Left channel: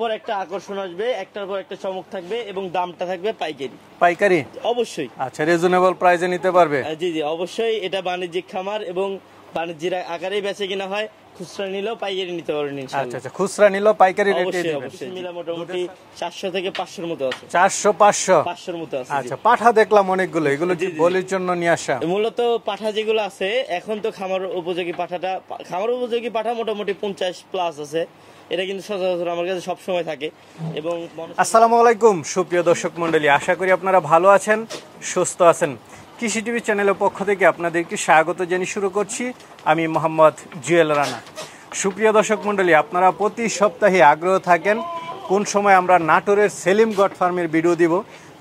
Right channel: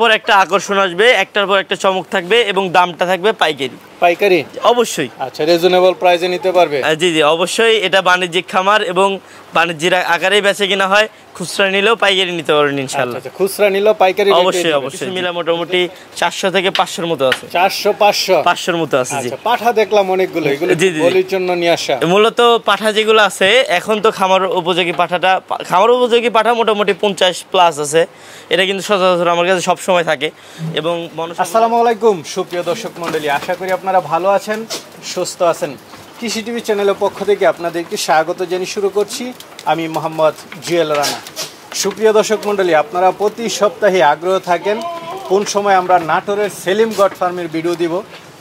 পর একটা আকর্ষণ আসবে, একটার পর একটা চমক থাকবে এবং দামটা থাকবে পাইকারি। পাইকারি অবশ্যই। আচ্ছা, রিজনেবল প্রাইসে নিতে পারবে? জি জি অবশ্যই। এটা বাণিজ্যিক খামার এবং বাণিজ্যিক আকারেই বেচে কিনা হয়। খুচরা নিলেও পাইকারি নিতে পারবেন ইনশাআল্লাহ। আচ্ছা, খুচরা নিলেও পাইকারি রেটে? অবশ্যই অবশ্যই। মিলা মোটামুটি 400 থেকে 500 মতো আছে। 400 500 500 মতো আছে। জি। আচ্ছা, পাঠা দেখলাম অনেকগুলো, এগুলো বলির জন্য নিয়ে আসা? মূলত পাঠা যেগুলো আছে এখন তো খামার উপযোগী খামার উপযোগী পাঠা মোটামুটি 50 প্লাস আছে। এটা কিন্তু সচরাচর আমার কাছে সব সময় থাকে। এবং আসসালামু আলাইকুম সুপ্রিয় দর্শক মণ্ডলী, আশা করি আপনারা ভালো আছেন, সুস্থ আছেন। কৃষি টিভি চ্যানেলের পক্ষ থেকে আপনাদেরকে স্বাগত জানিয়ে শুরু করছি আমি মোহাম্মদ জুয়েল রানা। সুপ্রিয় দর্শক মণ্ডলী, আপনারা প্রতি সপ্তাহে আগ্রহ থাকেন কোন সময় আমরা নাটোরের সেলিম গড ফার্মের ভিডিও দিব,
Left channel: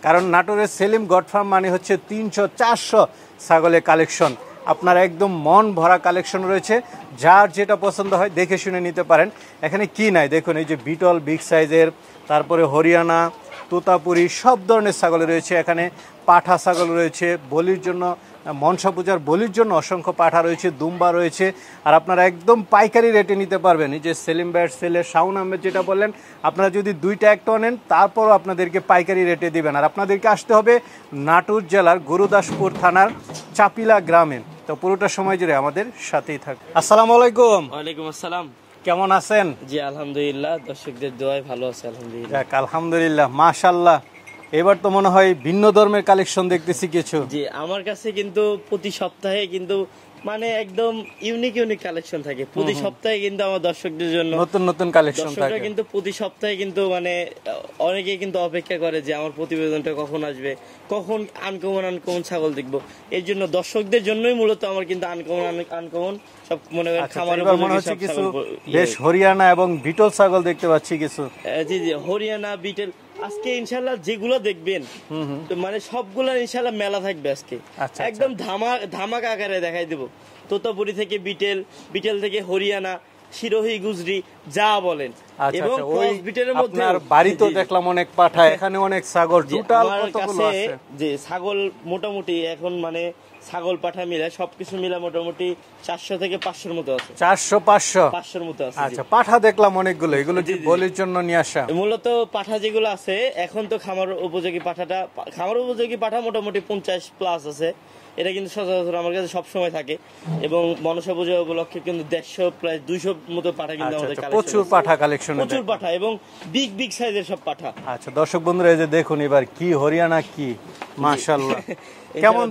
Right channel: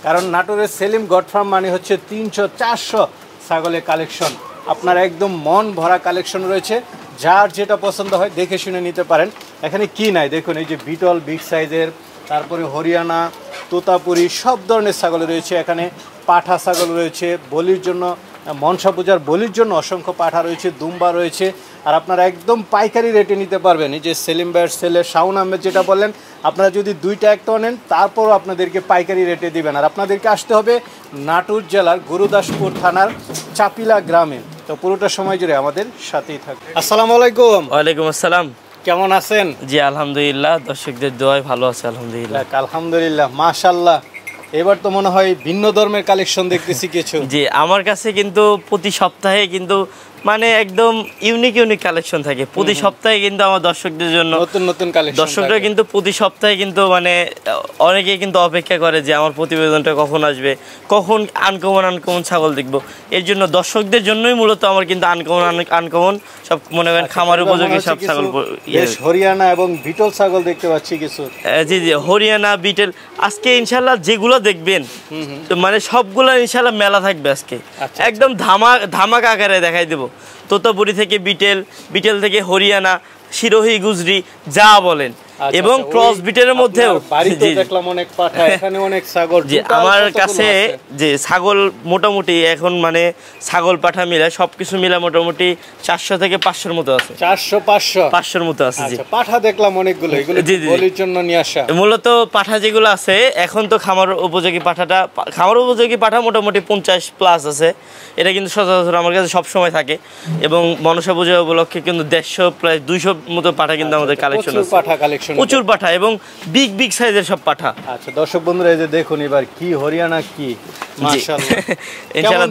কারণ নাটোরের সেলিম গড ফার্ম মানে হচ্ছে 300-400 ছাগলের কালেকশন। আপনার একদম মন ভরা কালেকশন রয়েছে, যার যেটা পছন্দ হয় দেখে শুনে নিতে পারেন। এখানে কি নাই দেখুন, এই যে বিটল বিগ সাইজের, তারপরে হরিয়ানা, তোতাপুরি সব ধরনের ছাগল রয়েছে। এখানে পাঠা ছাগল রয়েছে বলির জন্য, মনসা পূজার বলির জন্য অসংখ্য পাঠা রয়েছে, দুম্বা রয়েছে। আর আপনারা একদম পাইকারি রেটে নিতে পারবেন। এই যে সেলিম ভাইয়ের ছেলে শাওন আহমেদ যেটা বললেন, আপনারা যদি দুইটা একটা নেন তারপরও আপনাদেরকে পাইকারি রেটে দিবেন। আর আপনাদেরকে আসতে হবে নাটোর জেলার গুরুদাসপুর থানার চাপিলা গ্রামে। তো পুরোটা সময় জুড়ে আমাদের সাথেই থাকবে। আসসালামু আলাইকুম। ওয়ালাইকুম আসসালাম। কেমন আছেন? জি আলহামদুলিল্লাহ, দর্শকদের দোয়ায় ভালো আছে আলহামদুলিল্লাহ। আলহামদুলিল্লাহ, মাশাআল্লাহ। এবার তো মনে হয় ভিন্ন ধর্মের কালেকশন দেখতেছি কিছু। জি, আমার কাছে কিন্তু প্রতি সপ্তাহে কিন্তু মানে একদম ইউনিক কালেকশন থাকে। প্রতি সপ্তাহে কিন্তু আমার দর্শকদের জন্য নতুন নতুন কালেকশন। দর্শকরা কিন্তু প্রতি সপ্তাহে কিন্তু মানে অনেকে কিন্তু অপেক্ষা করে যে আমার প্রতিবেদনটা কখন আসবে, কখন আনকমন ছাগল দেখবো। এর জন্য দর্শকদের জন্যই মূলত আমার কিন্তু আনকমন সব মনে করেন খামার উপযোগী সব ছাগল। হরিয়ানা এবং বিটল ছাগল দেখতে পাচ্ছি কিছু। জি জি, হরিয়ানা বিটেল আজকে ইনশাল্লাহ যেগুলো দেখবেন মানে সবগুলো ইনশাল্লাহ মেলা থাকবে আজকে। একদম ধামাকা আকারে দেখাই দেবো। তোতাপুরি থেকে বিটেল থেকে হরিয়ানা, শিরোহী, গুজরি যা বলেন, এবং ক্রস বিটের মধ্যেও আমার কাছে যে ছাগল মোটামুটি এখন মানে ছাগল পাঠা মিলে সবকিছু মিলে মোটামুটি 400 থেকে 500 মতো আছে। 400-500 মতো আছে। জি, পাঠা দেখলাম অনেকগুলো, এগুলো বলির জন্য নিয়ে আসা। মূলত পাঠা যেগুলো আছে এখন তো খামার উপযোগী পাঠা মোটামুটি 50 প্লাস আছে। এটা কিন্তু সচরাচর আমার কাছে সব সময় থাকে। এবং মনসা পূজা উপলক্ষে কিন্তু 150 প্রায় 200 মতো পাঠা কিন্তু আমাদের কালেকশন আছে। প্রচুর পাঠা এবং বিগ সাইজের সব পাঠা। আচ্ছা দর্শক বন্ধুরা, এই যে দেখুন এবার কি হরিয়ানা কি মাশাআল্লাহ। ইনশাআল্লাহ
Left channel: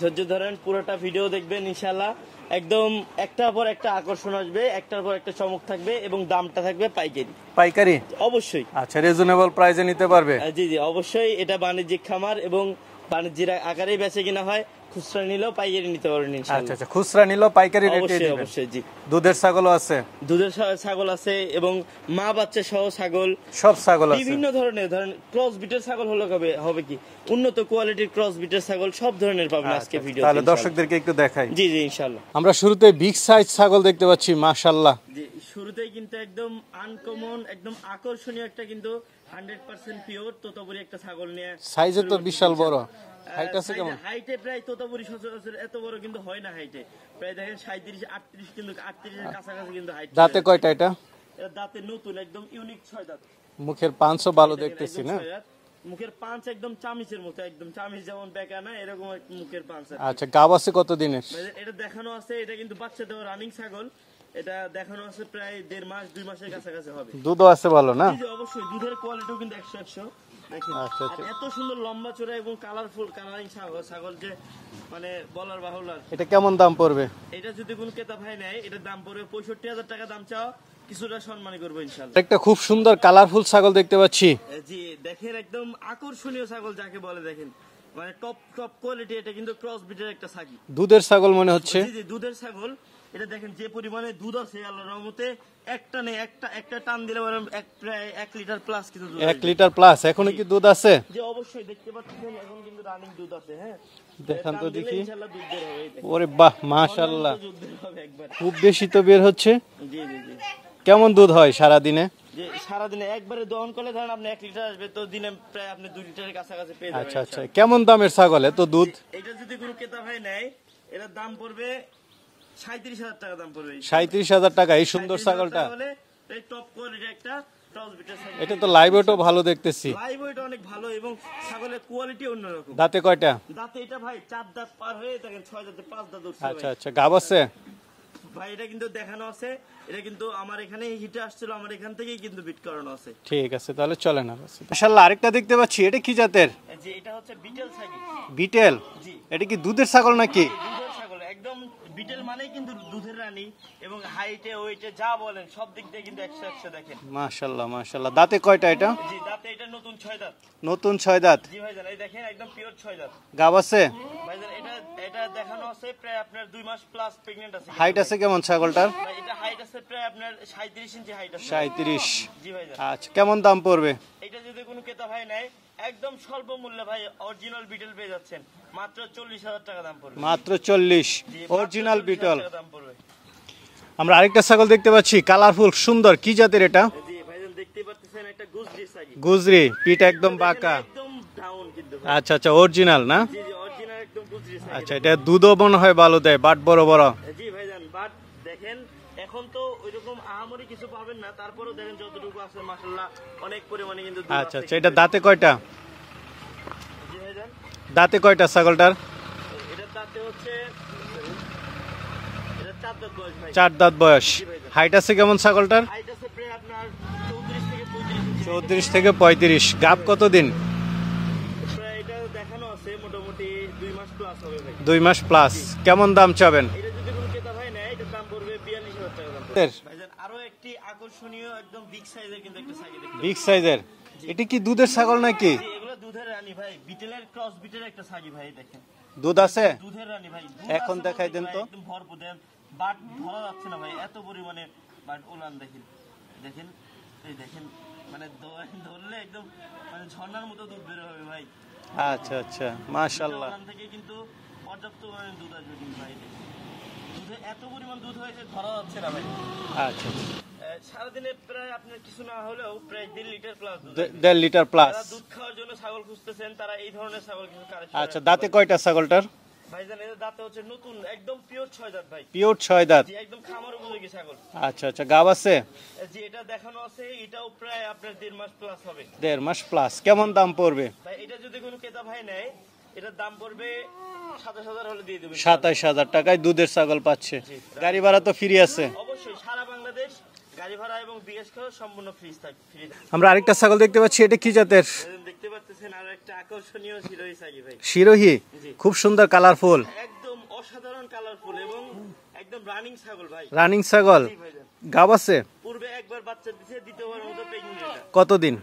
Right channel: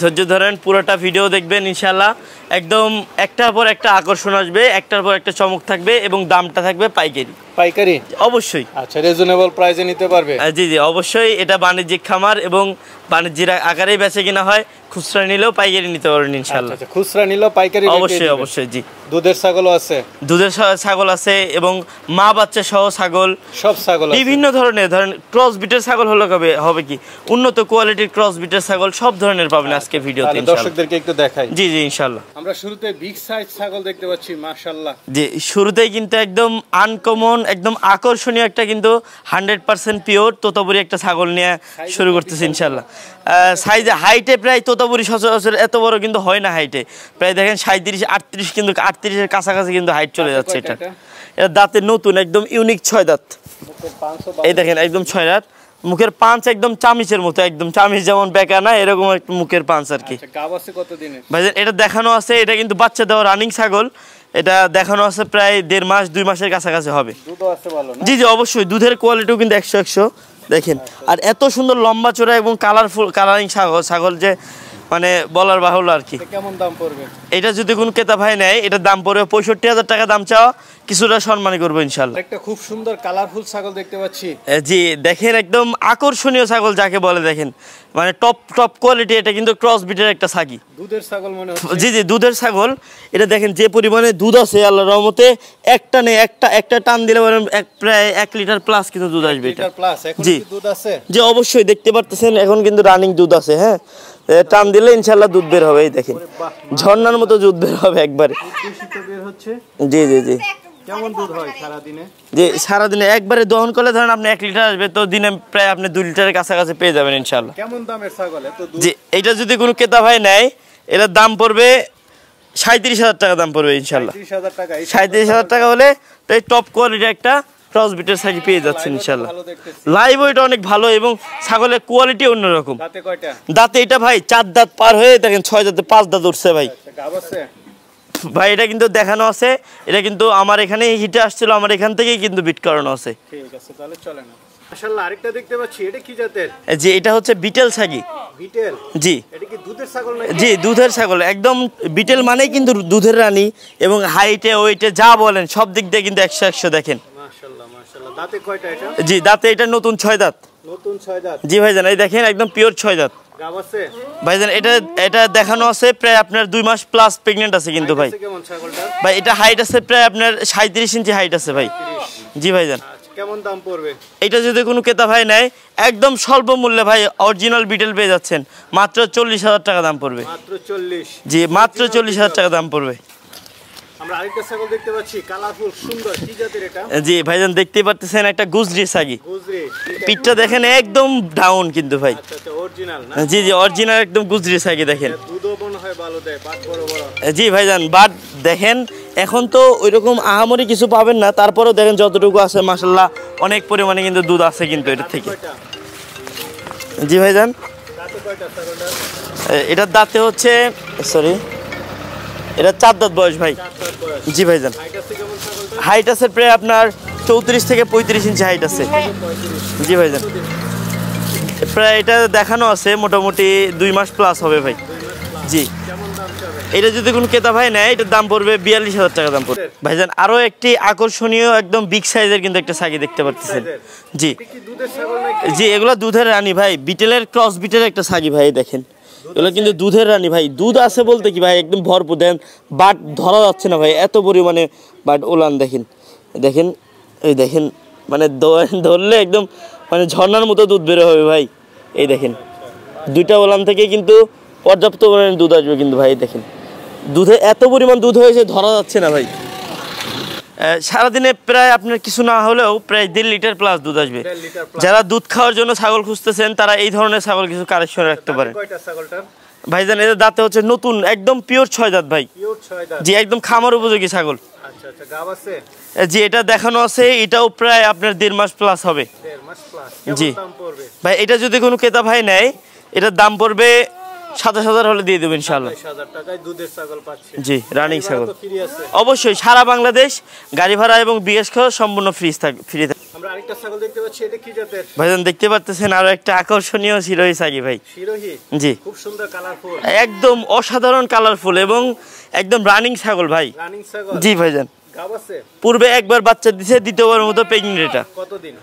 ধৈর্য ধরেন পুরোটা ভিডিও দেখবেন ইনশাআল্লাহ। একদম একটার পর একটা আকর্ষণ আসবে, একটার পর একটা চমক থাকবে এবং দামটা থাকবে পাইকারি। অবশ্যই। আচ্ছা, রিজনেবল প্রাইসে নিতে পারবে? জি জি অবশ্যই। এটা বাণিজ্যিক খামার এবং বাণিজ্যিক আকারেই বেচে কিনা হয়। খুচরা নিলেও পাইকারি নিতে পারবেন ইনশাআল্লাহ। আচ্ছা, খুচরা নিলেও পাইকারি রেটে? অবশ্যই। জি, দুধের ছাগলও আছে? দুধের ছাগল আছে এবং মা বাচ্চা সহ ছাগল, সব ছাগল বিভিন্ন ধরনের। ধরেন ক্রস বিটের ছাগল হবে কি উন্নত কোয়ালিটির ক্রস বিটের ছাগল সব ধরনের পাবেন আজকে ভিডিওতে। দর্শকদেরকে একটু দেখাই। জি জি ইনশাআল্লাহ। আমরা শুরুতে বিগ সাইজ ছাগল দেখতে পাচ্ছি মাশাআল্লাহ। জি, শুরুতেই কিন্তু একদম আনকমন, একদম আকর্ষণীয় একটা কিন্তু 100% পিওর তোতাপুরি একটা ছাগল নিয়ে শুরু করতেছি ইনশাআল্লাহ। সাইজে হাইটে প্রায় তোতাপুরি সচরাচর এত বড় কিন্তু হয় না হাইটে। প্রায় দেখেন 37-38, কিন্তু 38-এর কাছাকাছি কিন্তু হাইট চলে যাচ্ছে। এটা দাঁতে নতুন, একদম ইউনিক 6 দাঁত। মুখের পাঁচ এই দেখেন একদম 6 দাঁত। মুখের পাঁচ একদম চামিচের মতো, একদম চামিচ যেমন বেঁকা না এরকম একটা মুখের পাঁচ আর কি। আচ্ছা, গাব আছে কত দিনের? ভাইজান এটা দেখানো আছে, এটা কিন্তু বাচ্চা দেওয়া রানিং ছাগল। এটা দেখানো আছে প্রায় 1.5 মাস 2 মাসের কাছাকাছি হবে। দুধও আছে ভালো না? জি জি অবশ্যই। দুধের কোয়ালিটিও কিন্তু 100 দেখেন। আর এত সুন্দর লম্বা চড়া এবং কালারিং ছাগল যে মানে বলার বাহুল্য আর কি। কেমন দাম পড়বে এটা যদি কোনো ক্রেতা ভাই নেয়? এটার দাম পড়বে 65,000 টাকা দাম চাওয়া, কিছুটা সম্মানী করবো ইনশাআল্লাহ। একটা খুব সুন্দর কালারফুল ছাগল দেখতে পাচ্ছি। জি দেখেন, একদম আকর্ষণীয় ছাগল যাকে বলে, দেখেন মানে টপ কোয়ালিটি। এটা কিন্তু ক্রস বিটের একটা ছাগি, দুধের ছাগল মনে হচ্ছে। জি দুধের ছাগল। এটা দেখেন যে পরিমাণে দুধ আছে আল্লাহর রহমতে, একটা টান দিলে প্রায় 1 লিটার প্লাস কিন্তু দুধ আসবে। 1 লিটার প্লাস এখন কি দুধ আছে? জি অবশ্যই, দেখতে পারতেছেন এখন কিন্তু রানিং দুধ আছে। হ্যাঁ, টান দিলে ইনশাআল্লাহ দুধ বের হবে। এই দেখেন ঝর্ণার মতো দুধ বের হবে একবারে। খুব বেশি তো বের হচ্ছে। জি। কেমন দুধ হয় সারা দিনে? যে সারাদিনে একবারে দহন করলে ধরেন আপনি 1 লিটার আসবে, তো দিনে প্রায় আপনি 2 লিটারের কাছাকাছি পেয়ে যাবেন ইনশাআল্লাহ। কেমন দামের ছাগল এত দুধ? জি, এটা যদি কোনো ক্রেতা ভাই নেয় এটার দাম পড়বে 37,000 টাকা দাম পড়বে ইনশাআল্লাহ। 37,000 টাকা? 37,000 টাকা হলে তো এই টপ কোয়ালিটির একটা ক্রস বিটের ছাগি পেয়ে যাচ্ছেন লাইভ ইনশাআল্লাহ। ভালো দেখতেছি, লাইভ ওয়েট অনেক ভালো এবং ছাগলের কোয়ালিটি অন্যরকম। দাঁতে কয়টা? দাঁতে এটা ভাই 4 দাঁত পার হয়ে দেখেন 6 দাঁতে 5 দাঁত উঠছে ভাই। আচ্ছা গাব আছে ভাই এটা কিন্তু দেখানো আছে, এটা কিন্তু আমার এখানে হিটে আসছিল, আমার এখান থেকেই কিন্তু বিট করানো আছে। ঠিক আছে তাহলে চলেন। মাশাআল্লাহ আরেকটা দেখতে পাচ্ছি, এটা কি জাতের? যে এটা হচ্ছে বিটেল ছাগি। বিটেল? জি। এটা কি দুধের ছাগল নাকি? জি দুধের ছাগল, একদম বিটেল মানেই কিন্তু দুধের রানী এবং হাইটে ওয়েটে যা বলেন সব দিক দিয়ে কিন্তু 100 দেখেন। মাশাআল্লাহ মাশাআল্লাহ। দাঁতে কয়টা এটা? জি দাঁতে এটা নতুন 6 দাঁত। নতুন 6 দাঁত? জি ভাইজান এই দেখেন একদম পিওর 6 দাঁত। গাব আছে ভাইজান এটা দেখানো আছে প্রায় আপনার 2 মাস প্লাস প্রেগন্যান্ট আছে কিন্তু ভাই। হাইট আছে কেমন ছাগলটার? ভাই এটা হাইট আছে প্রায় আপনার 37 ইঞ্চি হাইট আছে ভাই। 30? জি ভাইজান। আচ্ছা কেমন দাম পড়বে? এটা যদি কোনো ক্রেতা ভাই নেয় একদম স্বল্প মূল্যে ভাই অরিজিনাল বিটেল পেয়ে যাচ্ছেন, মাত্র 40,000 টাকা দাম পড়বে। মাত্র 40? জি মাত্র 40,000 টাকা দাম পড়বে। আমরা আরেকটা ছাগল দেখতে পাচ্ছি কালারফুল সুন্দর, কি জাতের এটা? জি ভাইজান দেখতেই পাচ্ছেন একটা গুজরি ছাগি। গুজরি? পিঠটা দেখেন একদম ডাউন কিন্তু ভাই। আচ্ছা আচ্ছা অরিজিনাল না? জি জি অরিজিনাল একদম গুজরি ছাগি দেখেন। এটা দুধও মনে হয় ভালো দেয়, বাট বড় বড়। জি ভাইজান বাট দেখেন এখন তো ওইরকম আহামরি কিছু পাবেন না, তারপরেও দেখেন যতটুকু আছে মাশাআল্লাহ অনেক পরিমাণে কিন্তু দুধ আছে কিন্তু। এটা দাঁতে কয়টা? জি ভাইজান দাঁতে কয়টা ছাগলটার? এটার দাঁতে হচ্ছে সরি এটা 4 দাঁত বয়স ভাই। 4 দাঁত বয়স? জি ভাইজান। হাইট আছে কেমন ছাগলটার? হাইট আছে প্রায় আপনার 34 থেকে 35 ইঞ্চি হাইট আছে। 30 থেকে 35? জি ভাইজান। কতদিন? প্রায় এটা দেখানো আছে মোটামুটি 2 মাস প্লাস হবে ভাই। 2 মাস প্লাস? জি। কেমন দাম চাবেন? এটা যদি কোনো ক্রেতা ভাই নেয় এটার দাম পড়বে 42,000 টাকা দাম পড়বে ভাইজান। আরো একটি আকর্ষণীয় একদম বিগ সাইজের কিন্তু একটা ছাগি দেখতে পাচ্ছেন। জি এটা কি দুধের ছাগল নাকি? জি এগুলা দুধের রানী ভাই, বিটেলের ক্রস বিটের একটা ছাগি ভাই দেখেন। এগুলো কিন্তু দুধের রানী ভাই, দুধ আছে বলতে কি ভাই একদম ভরপুর। দেন বাট ধরা যাচ্ছে না ভাই, এত পরিমাণে বাট ওলান দেখেন। দেখেন এই দেখেন মানে ধরলে একদম মানে ঝর্ণার মতো দুধ বের হবে ভাই। এই দেখেন দুইটা ওলান থেকে কিন্তু পর্যাপ্ত পরিমাণে দুধ আসবে কিন্তু ভাই। দেখেন দুধে এত পরিমাণ দুধ হয়েছে ধরা যাচ্ছে না ভাই। সারাদিনে প্রায় আপনার কিছু না হলেও প্রায় 1.5 লিটার প্লাস দুধ আসবে। 1.5 লিটার প্লাস? যারা দুধ খাওয়ার জন্য ছাগল খুঁজতেছেন তারা এই ধরনের ছাগল কিছু কালেকশন রাখতে পারেন। দাঁতে কয়টা ছাগলটার? ভাইজান এদের দাঁতে হচ্ছে নতুন একদম পিওর 6 দাঁত ভাই। পিওর 6 দাঁত? জি একদম খামার উপযোগী ছাগল। আচ্ছা আচ্ছা গাব আছে? জি এটা দেখানো আছে, এটাও প্রায় আপনার 1.5 মাস প্লাস হবে। 1.5 মাস প্লাস? কেমন দাম পড়বে? ভাই এটা যদি কোনো ক্রেতা ভাই নেয় এটার দাম পড়বে 27,000 হলে দিয়ে দেবেন ইনশাআল্লাহ। 27,000 টাকায় দুধের ছাগল পাচ্ছে? জি রানিং ছাগল তো ফ্রি আছে? অবশ্যই সারা বাংলাদেশ গাড়ি ভাড়া এবং বিএস খাওয়া সম্পূর্ণ ফ্রি থাকে। আমরা আরেকটা ছাগল দেখতে পাচ্ছি, এটা কি জাতের? ভাইজান দেখতে পাচ্ছেন আরো একটা আকর্ষণীয় শিরোহী ছাগি ভাই। শিরোহী? জি খুব সুন্দর কালারফুল, একদম অসাধারণ কালারফুল এবং একদম রানিং ছাগল ভাই। রানিং ছাগল? জি ভাইজান। গাব আছে? পূর্বে একবার বাচ্চা দিছে, দ্বিতীয়বার মতো প্রেগন্যান্ট। এটা কতদিন?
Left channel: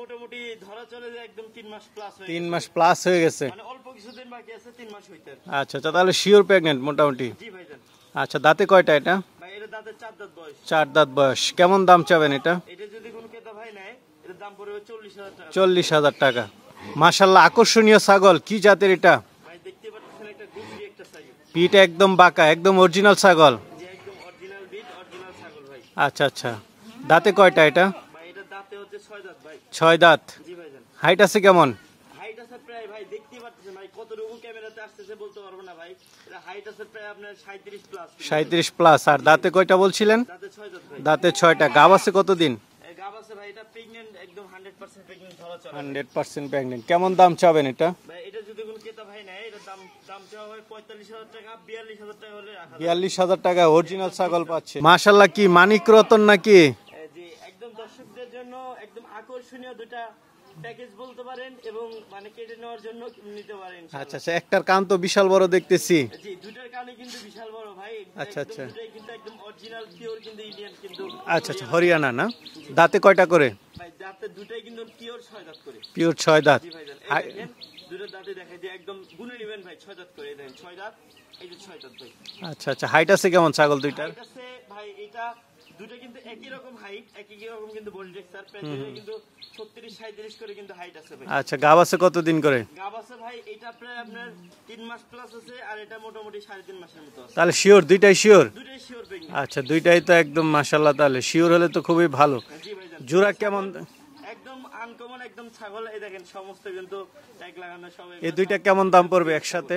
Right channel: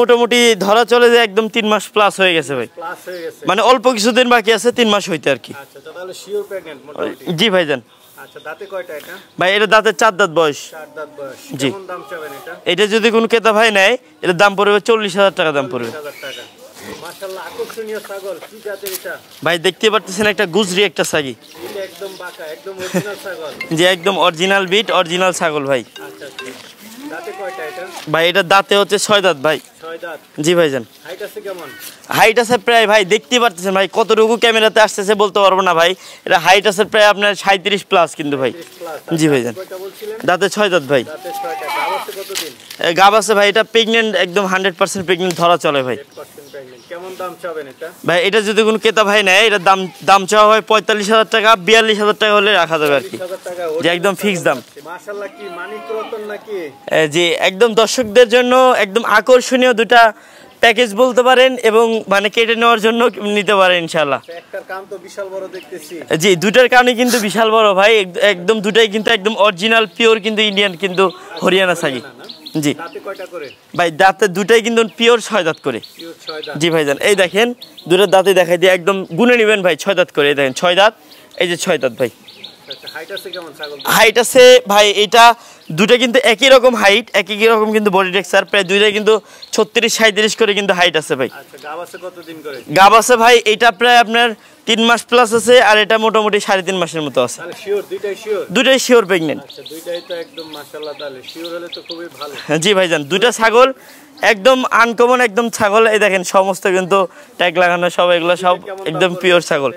মোটামুটি ধরা চলে যে একদম 3 মাস প্লাস হয়ে গেছে ভাই। প্লাস হয়ে গেছে মানে অল্প কিছুদিন বাকি আছে 3 মাস হইতে আর কি। আচ্ছা আচ্ছা তাহলে শিওর প্রেগন্যান্ট মোটামুটি? জি ভাইজান। আচ্ছা দাঁতে কয়টা এটা? ভাই এটা দাঁতে 4 দাঁত বয়স। 4 দাঁত বয়স? কেমন দাম চাবেন এটা? এটা যদি কোনো ক্রেতা ভাই নেয় এটার দাম পড়বে 40,000 টাকা দাম পড়বে। 40,000 টাকা? মাশাআল্লাহ আকর্ষণীয় ছাগল, কি জাতের এটা? ভাই দেখতে পাচ্ছেন একটা গুজরি একটা ছাগি। এটা একদম বাঁকা, একদম অরিজিনাল ছাগল? জি একদম অরিজিনাল বিট অরিজিনাল ছাগল ভাই। আচ্ছা আচ্ছা দাঁতে কয়টা এটা? ভাই এটা দাঁতে হচ্ছে 6 দাঁত ভাই। 6 দাঁত? জি ভাইজান। হাইট আছে কেমন? হাইট আছে প্রায় ভাই দেখতে পাচ্ছেন ভাই, কতটুকু ক্যামেরাতে আসতেছে বলতে পারবো না ভাই। এটা হাইট আছে প্রায় আপনার 37 প্লাস কিন্তু ভাই। 37 প্লাস? আর দাঁতে কয়টা বলছিলেন? দাঁতে 6 দাঁত ভাই। দাঁতে 6টা? গাব আছে কতদিন? গাব আছে ভাই, এটা প্রেগন্যান্ট একদম 100% প্রেগন্যান্ট ধরা চলে ভাই। 100% প্রেগন্যান্ট? কেমন দাম চাবেন এটা? ভাই এটা যদি কোনো ক্রেতা ভাই নেয় এটা দাম চাওয়া হয় 45,000 টাকা, 42,000 টাকা হলে রাখা যাবে আর কি। 40,000 টাকা একদম ফিক্স দাম। মাশাআল্লাহ কি মানিক রতন নাকি? জি একদম দর্শকদের জন্য একদম আকর্ষণীয় দুটা প্যাকেজ বলতে পারেন এবং মানে কেটে নেওয়ার জন্য নিতে পারেন ইনশাআল্লাহ। আচ্ছা একটার কান তো বিশাল বড় দেখতেছি। জি দুটার কানে কিন্তু বিশাল বড় ভাই, একদম দুটাই কিন্তু একদম অরিজিনাল পিওর কিন্তু ইন্ডিয়ান কিন্তু হরিয়ানা ছাগি না? জি। দাঁতে কয়টা করে? ভাই দাঁতে দুটাই কিন্তু পিওর 6 দাঁত করে। পিওর 6 দাঁত? জি ভাইজান। এই দেখেন দুটো দাঁতে দেখাই দিয়ে একদম গুনে নেবেন ভাই, 6 দাঁত করে। এই দেখেন 6 দাঁত, এই যে 6 দাঁত ভাই। আচ্ছা আচ্ছা হাইট আছে কেমন ছাগল? হাইট আছে ভাই এটা দুটো কিন্তু একই রকম হাইট, একই রকম কিন্তু বডি টেক্সচার, প্রায় দুইটাই কিন্তু 36-37 করে কিন্তু হাইট আছে ভাই। আচ্ছা গাব আছে কতদিন করে? গাব আছে ভাই এটা প্রায় আপনার 3 মাস প্লাস আছে, আর এটা মোটামুটি 3.5 মাসের মতো আছে। তাহলে শিওর? দুইটাই শিওর? দুটাই শিওর প্রেগন্যান্ট। আচ্ছা দুইটাই তো একদম মাশাআল্লাহ, তাহলে শিওর হলে তো খুবই ভালো। জি ভাইজান দুটো ছাগল একদম আনকমন একদম ছাগল। এই দেখেন সমস্ত কিন্তু ট্যাগ লাগানো সব, এগুলো সব একদম পিওর ছাগল।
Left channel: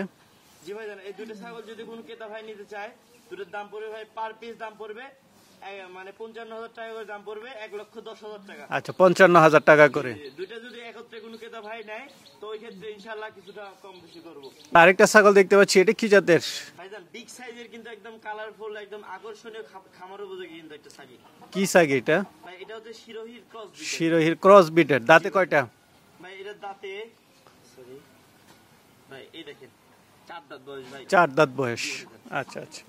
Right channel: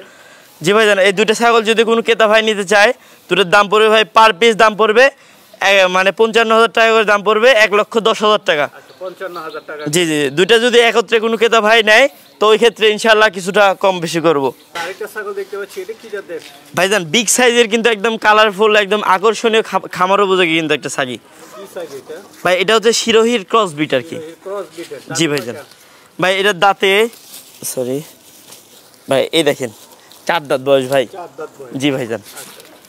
জি ভাইজান এই দুটো ছাগল যদি কোনো ক্রেতা ভাই নিতে চায় দুটোর দাম পড়বে ভাই পার পিস দাম পড়বে মানে 55,000 টাকা করে দাম পড়বে, 1,10,000 টাকা। আচ্ছা 55,000 টাকা। জি জি, দুইটা যদি একত্রে কোনো ক্রেতা ভাই নেয় তো ওই ক্ষেত্রে ইনশাআল্লাহ কিছুটা কম বেশি করব। আরেকটা ছাগল দেখতে পাচ্ছি, এটা কি জাতের ভাইজান? বিগ সাইজের কিন্তু একদম কালারফুল, একদম আকর্ষণীয়, খামার উপযোগী কিন্তু একটা ছাগি। কি ছাগি এটা? ভাই এটা হচ্ছে শিরোহির ক্রস বিট আর কি। শিরোহির ক্রস বিটের। দাঁতে কয়টা? ভাই এটার দাঁতে সরি ভাই এই দেখেন 4 দাঁত বয়স ভাই। 4 দাঁত বয়স। জি ভাইজান। আচ্ছা আচ্ছা।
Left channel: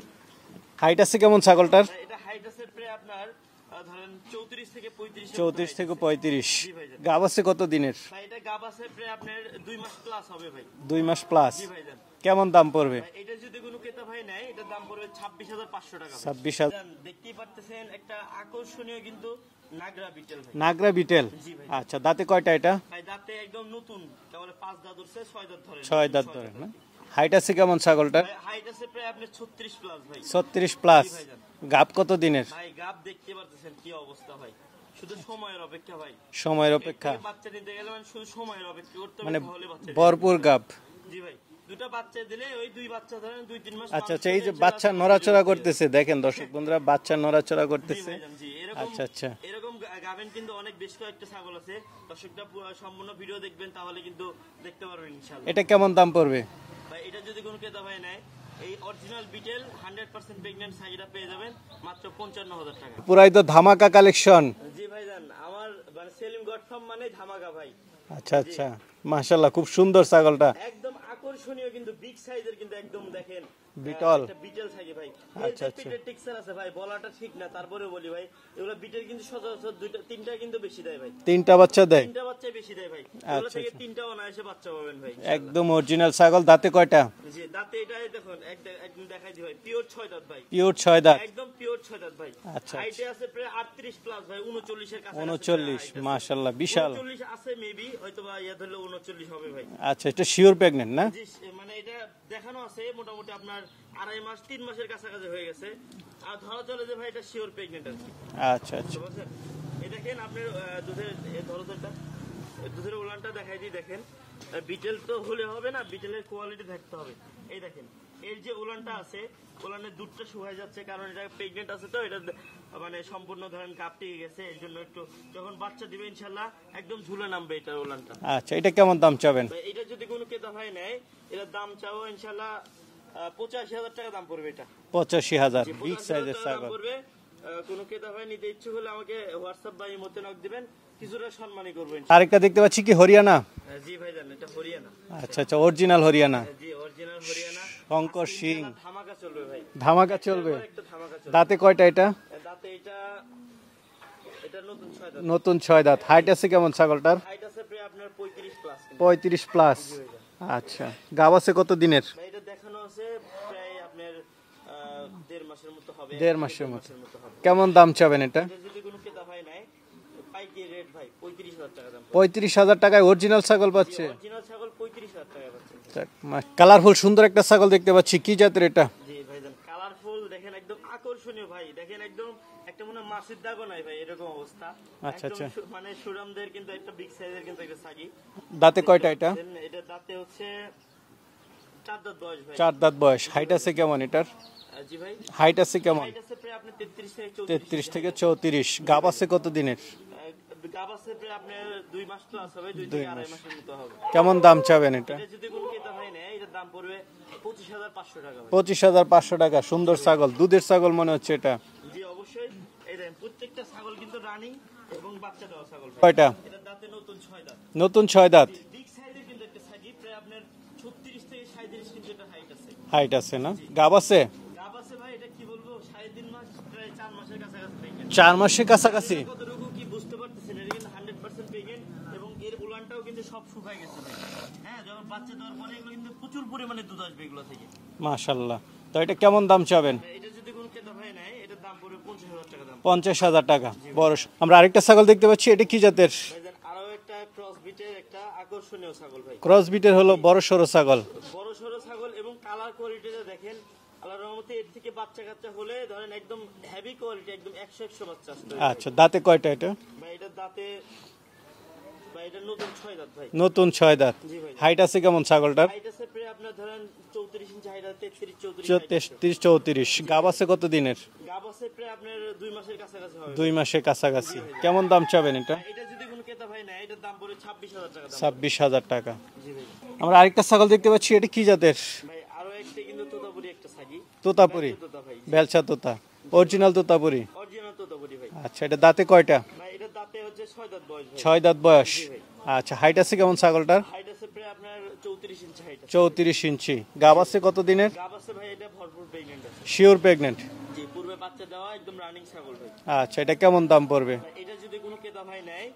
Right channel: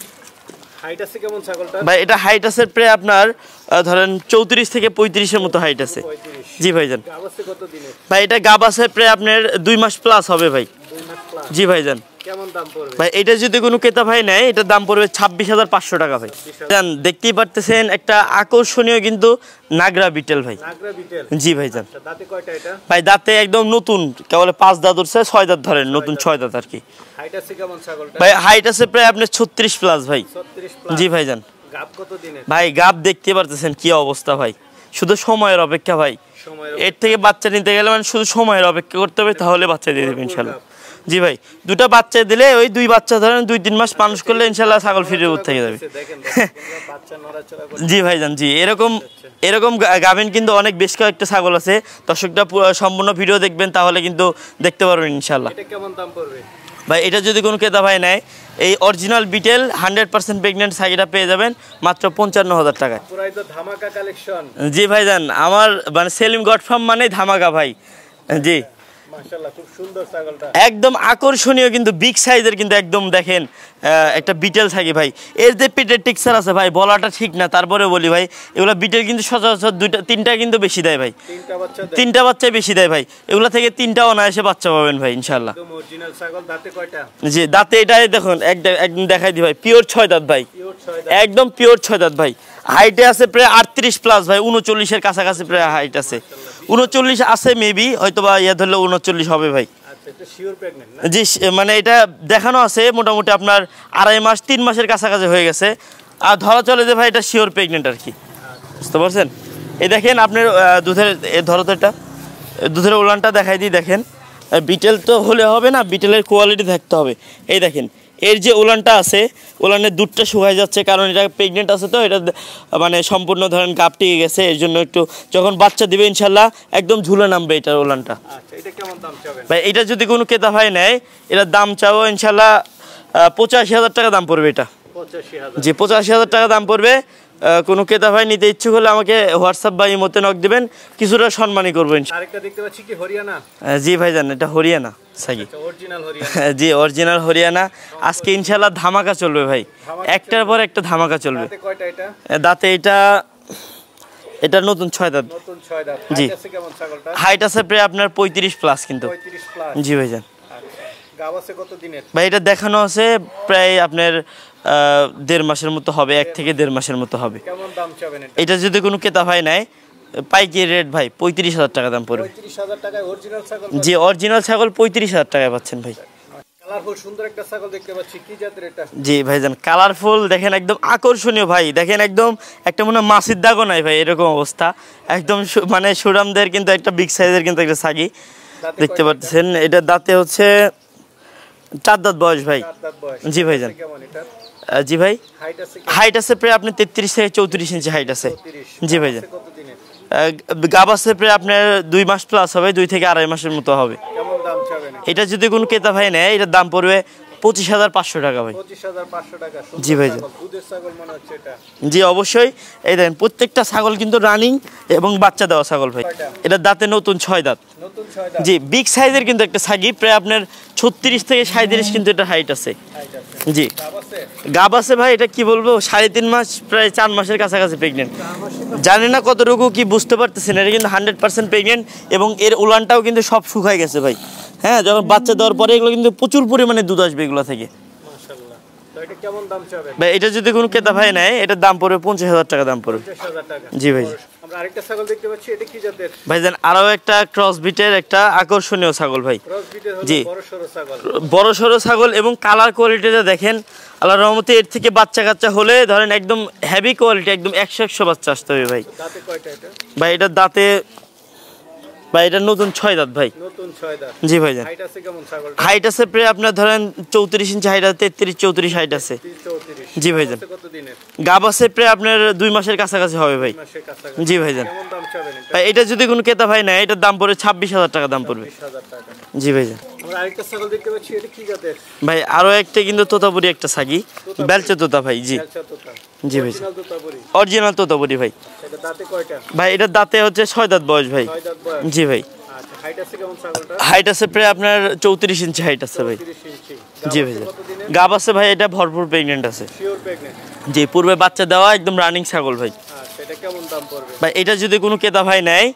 হাইট আছে কেমন ছাগলটার? ভাই এটা হাইট আছে প্রায় আপনার ধরেন 34 থেকে 35 এর মতো হাইট আছে। 35। জি ভাইজান। গাব আছে কত দিনের? ভাই এটা গাব আছে প্রায় আপনার 2 মাস প্লাস হবে ভাই। 2 মাস প্লাস। জি ভাইজান। কেমন দাম পড়বে? ভাই এটা যদি কোনো ক্রেতা ভাই নেয় এটার দাম পড়বে 26,500 টাকা ভাই। জান দেখতেই পারতেছেন একটা আকর্ষণীয় কিন্তু নাগরা বিটেল ভাই। নাগরা বিটেল। জি ভাইজান। আচ্ছা দাঁতে কয়টা এটা? ভাই দাঁতে একদম নতুন, কেবল 5 দাঁত উঠছে, 6 দাঁত ধরেন, নতুন 6 দাঁত আর কি। হাইট আছে কেমন ছাগলটা? ভাই হাইট আছে প্রায় আপনার 36 প্লাস ভাই। 36 প্লাস। জি ভাইজান। গাব কত দিনের? ভাই গাব দেখতে পারতেছেন কি অবস্থা ভাই, শুধু সময়ের অপেক্ষা ভাই। এর থেকে বাচ্চা নিতে গেলে মানে শুধু সময়ের অপেক্ষা করতে হবে, তাহলে বাচ্চা দিয়ে দেবে ইনশাআল্লাহ। জি ভাই, দুটো বাচ্চা দিলে ওই 2 বাচ্চা ধরেন 2-3 মাস মানুষ করলে ইনশাআল্লাহ ছাগল ফিরে উঠতে যাবে। দেখেন দর্শক বন্ধুরা বাচ্চা নড়াচড়া করছে। জি ভাইজান জি, এরকম গাভিন কিন্তু অনেক বেশ কয়েকটা ছাগল আছে। দর্শকরা সম্পূর্ণ ভিডিও দেখবেন তাহলে কিন্তু দেখতে পারবেন ইনশাআল্লাহ। এটা কেমন দাম পড়বে? ভাই এটা যদি কোনো ক্রেতা ভাই নেয় এই অরিজিনাল বিটেল 100% প্রেগন্যান্ট ছাগিটা পেয়ে যাবেন মাত্র 55,000 টাকায়। পুরাই তো ধামাকা কালেকশন। জি ভাইজান, আমার মানে সেলিম গড ফার্ম মানে ধামাকা ভাই। জি মাশাআল্লাহ, খুব সুন্দর ছাগলটা, একদম আকর্ষণীয় কিন্তু বিগ সাইজের, কিন্তু একদম দেখেন একটা বিটেল ছাগি ভাই। এর যে পেটের টেক্সচার আছে ভাই বলাটা ঠিক না, তারপরে বলি ভাই এগুলো বিটেল কিন্তু সচরাচর 2-3টা কিন্তু বেশি দেয় ভাই। 3টা বাচ্চা দেয়? 3টা বাচ্চা বেশি দেয় ভাই। এগুলো থেকে 3টা অনায়াসে বাচ্চা পাবেন ভাই ইনশাআল্লাহ। একদম অরিজিনাল ছাগল। দাঁতে কয়টা? জি দাঁতে এটাই দেখুন একদম দেখাই দি ভাই, পিওর 6 দাঁত ভাই। পিওর 6 দাঁত, একদম পিওর 6 দাঁত ভাই। হাইটে আছে প্রায় 38 প্লাস ভাই, 39 এর কাছাকাছি প্রায় হাইট আছে। 39 আছে মেবি, হয়তোবা ইয়া ধরলে 39 হবে ভাই। আচ্ছা এটা শিওর প্রেগন্যান্ট না? জি মানে এটা দেখানো আছে মোটামুটি আপনার 2.5 মাস 3 মাসের কাছাকাছি হয়ে গেছে, আর ধরা চলে যে ভাই এটা শিওর প্রেগন্যান্ট আর কি। আচ্ছা বুঝতে পারছেন? এই দেখেন আপনার দুধের ধরো তো এটা দুধের উলানটা দেখাই দিই। দেখেন বিটেল তো হলে হবে না, বিটেলের কোয়ালিটি থাকতে হবে। এই দেখেন এর যে উলানটা আছে, উলানের দুধটা শুকায় যাচ্ছে, কারণ এটা প্রেগনেন্ট আছে তো, এটা মানে সম্পূর্ণ ধরেন গাপ টিকে গেছে, এর জন্য একটু যখন বাচ্চা দিবে ইনশাল্লাহ একদম ঝুলে নামবে এটার উলানটা। আচ্ছা এটা কেমন দাম চাবেন ভাই? এটা যদি কোনো ক্রেতা ভাই নেয় এটার দাম চাও ইনশাল্লাহ 85,000 টাকা দাম পড়বে এটা। 85,000? জি 85,000 টাকা দাম পড়বে। কোনো ক্রেতা ভাই নিতে ইচ্ছুক হলে আমাকে হোয়াটসঅ্যাপ বা ইমোতে নক দিবেন, কিছুটা সম্মানই করবো ইনশাআল্লাহ। আরেকটা দেখতে পাচ্ছি কি হরিয়ানা? জি ভাইজান এটা হরিয়ানা। আচ্ছা অরিজিনাল হরিয়ানা? জি অরিজিনাল হরিয়ানা। আজকে ইনশাআল্লাহ ধামাকা চলবে ভাই, একটার পর একটা ধামাকা চলবে। দাঁতে কয়টা এটা? দাঁতে এটা নতুন 6 দাঁত। নতুন 6 দাঁত। হাইট আছে কেমন ছাগলটা? হাইট আছে প্রায় আপনার 35 প্লাস কিন্তু। 35 প্লাস? জি ভাইজান। আচ্ছা গাব আছে কত দিনের? ভাই এটা দেখানো আছে প্রায় আপনার 1.5 মাসের মতো হবে, 1 থেকে 1.5 মাসের মতো হবে। কেমন দাম চাবেন এটা? এটা যদি কোনো ক্রেতা ভাই নেয় পাইকারি রেট ভাই 35,000 টাকা দাম পড়বে। 35,000 টাকায় অরিজিনাল ছাগল? জি অরিজিনাল ছাগল 35,000 টাকায় পাচ্ছেন ভাই। কালারফুল সুন্দর একটা ছাগল দেখতে পাচ্ছি, কি জাতের এটা? জি ভাইজান কালারফুল, দেখেন একদম আকর্ষণীয় ভাই। দেখেন একদম একটা মনে হয় মাছির দাগও নাই ভাই, এরকম অবস্থা একদম মানে সুরামদের কিন্তু একটা বিগ সাইজের কিন্তু একটা ছাগি দেখতে পাচ্ছেন। এটা দাঁতে হচ্ছে 4 দাঁত বয়স ভাই। 4 দাঁত বয়স। জি ভাইজান। কেমন এটার? জি ভাই হাইট আছে কেমন? হাইট আছে প্রায় আপনি 33 থেকে 34 ইঞ্চি হাইট আছে। 34? জি ভাই। কত দিনের? গাব আছে প্রায় আপনার 2 মাস প্লাস হবে, 2 থেকে 2.5 মাসের মতো হবে। কেমন দাম চাবেন এটা যদি কোনো ক্রেতা ভাই নেয় এটার দাম পড়বে 25,500 টাকা ভাই। 25,500 টাকা। সুন্দর ছাগল, দুধের ছাগল মনে হচ্ছে এটা। জি অবশ্যই। এই দেখেন প্রত্যেকটা ছাগল কিন্তু রানিং এবং বাচ্চা দেওয়া ছাগল ভাই। এটা দাঁতে নতুন 6 দাঁত। নতুন 6 দাঁত? জি বিগ সাইজের কিন্তু একটা ছাগি, প্রায় আপনার 36 থেকে 37 কিন্তু এটা হাইট আছে। হাইট আছে? জি। গাব আছে? গাব আছে ভাই, এটা কি বলবো 3.5 মাস প্রায় 4 মাসের কাছাকাছি প্রেগনেন্ট। 4 মাসের কাছাকাছি? জানি না কতটুকু কি বুঝতে পারতেছেন, এটা কিন্তু 100% প্রেগনেন্ট এবং এর উলানটাও কিন্তু সব শুকায় গেছে ভাই। হ্যাঁ যখন বাচ্চা দেওয়ার পরে এগুলো কিন্তু প্রচুর পরিমাণে দুধ আসবে এগুলো থেকে। মাশাআল্লাহ। তো এটা কেমন দাম চাবেন ভাই? এটা যদি কোনো ক্রেতা ভাই নেয় এটার দাম পড়বে 50,000 টাকা দাম পড়বে। 50,000 টাকা? জি ভাই। আমরা আরেকটা ছাগল দেখতে পাচ্ছি, এটা কি জাতের? ভাইজান আরো একটা ক্রস বিটের একটা আকর্ষণীয় ছাগল ভাই। ক্রস বিটের হলো বড় সরো ছাগল? বড় সরো ছাগল এবং কালার কোয়ালিটিটা দেখেন আল্লাহর রহমতে এর থেকে বাচ্চা কাচ্চা হলে ধরেন একদম হেভি কোয়ালিটি, একদম 100 বাচ্চা আসতে হবে ভাই। দাঁতে কয়টা এটা? ভাই এটা দাঁতে ভাই এটা নতুন 6 দাঁত ভাই। নতুন 6 দাঁত। জি ভাই। হাইট আছে কেমন ছাগলটা? হাইট আছে প্রায় আপনার ধরেন 34 ইঞ্চি হাইট আছে, 33 34 হাইট আছে। 33 34। জি ভাই। আছে কত দিনের? গাব আছে প্রায় আপনার 2 মাসের কাছাকাছি হবে ভাই। 2 মাসের কাছাকাছি। জি ভাই। কেমন দাম চাবেন এটা? ভাই এটা যদি কোনো ক্রেতা ভাই নেয় এটার দাম পড়বে 26000 টাকা দাম পড়বে। 26000 টাকা। জি ভাই। আমরা আরেকটা ছাগল দেখতে পাচ্ছি, এটা কি জাতের? ভাই আরো একটা কিন্তু তোতাপুরি একটা ছাগি, বেলচা তোতা ভাই। জি বেলচা তোতা। অরিজিনাল তোতাপুরি। অরিজিনাল তোতাপুরি ভাই। আচ্ছা, এটা দাঁতে কয়টা? ভাই এটা দাঁতে হচ্ছে 6 দাঁত বয়স ভাই। 6 দাঁত বয়স। জি ভাই। আচ্ছা, হাইট আছে কেমন ছাগলটার? হাইট আছে প্রায় আপনার 34 ইঞ্চি হাইট আছে ভাই। 34 ইঞ্চি। গাব আছে কত দিনে? গাব আছে ভাই এটা ভরপুর প্রেগন্যান্ট আছে। Sure pregnant? জি, পূর্বে বাচ্চা দেওয়া একদম রানিং ছাগল ভাই। আচ্ছা, এটা কেমন দাম পড়বে? ভাই এটা যদি কোনো ক্রেতা ভাই নেয়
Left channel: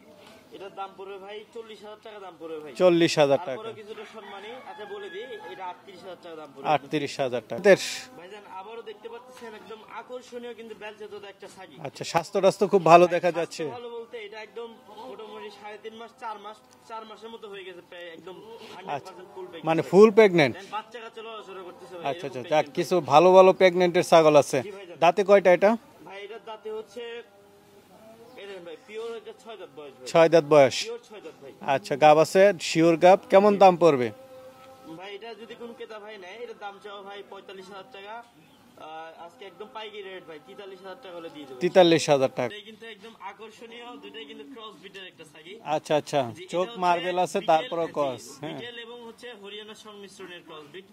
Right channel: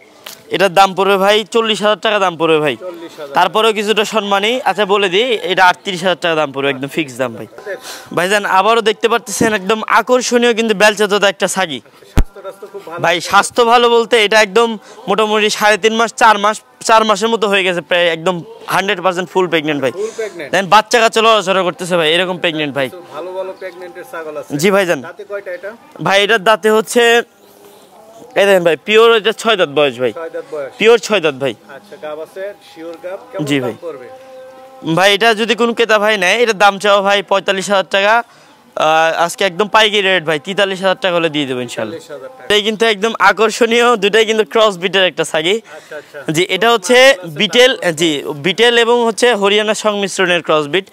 এটার দাম পড়বে ভাই 40000 টাকা দাম পড়বে ভাই। 40000। তারপরেও কিছুটা সম্মানী আচ্ছা বলে দিই, এটা 38000 টাকা দাম পড়বে, একদম ফিক্স দাম ভাই। ভাইজান আবারও দেখতে পাচ্ছেন একদম আকর্ষণীয় কিন্তু বেলচা তোতা একটা ছাগি। আচ্ছা, স্বাস্থ্য খুব ভালো ভাই। স্বাস্থ্য ভালো বলতে এটা একদম মোটামুটি 3.5 মাস 4 মাসের মতো হয়ে গেছে প্রায়, একদম 100% ফুল প্রেগন্যান্ট ভাই। ফুল প্রেগন্যান্ট। দেন বাচ্চা কাচ্চা লড়াচড়া করতেছে ভাই, এরকম প্রেগন্যান্ট ভাই। ভালো ভালো প্রেগন্যান্টের ছাগল আছে। জি ভাইজান। দাঁতে কয়টা এটা? ভাই এটার দাঁতে হচ্ছে এই দেখেন ভাই, পিওর এটা 6 দাঁত বয়স ভাই। 6 দাঁত বয়স। পিওর 6 দাঁত ভাই। আচ্ছা, গাব আছে শিওর গাব। কেমন দাম পড়বে? ভাই এটা যদি কোনো ক্রেতা ভাই নেয় এটার দাম চাও ভাই 45000 টাকা। আজকে একদম পাইকারি রেট ভাই, 43000 টাকা হলে দিয়ে দেবেন। 43000 টাকা। এই কিন্তু একদম আকর্ষণীয়, দুটাই কিন্তু ক্রস বিটের একটা ছাগি। আচ্ছা আচ্ছা। জি, এটা হচ্ছে বিটেল। জি, বিটেল এবং হচ্ছে হরিয়ানা সংমিশ্রণের ক্রস বিট।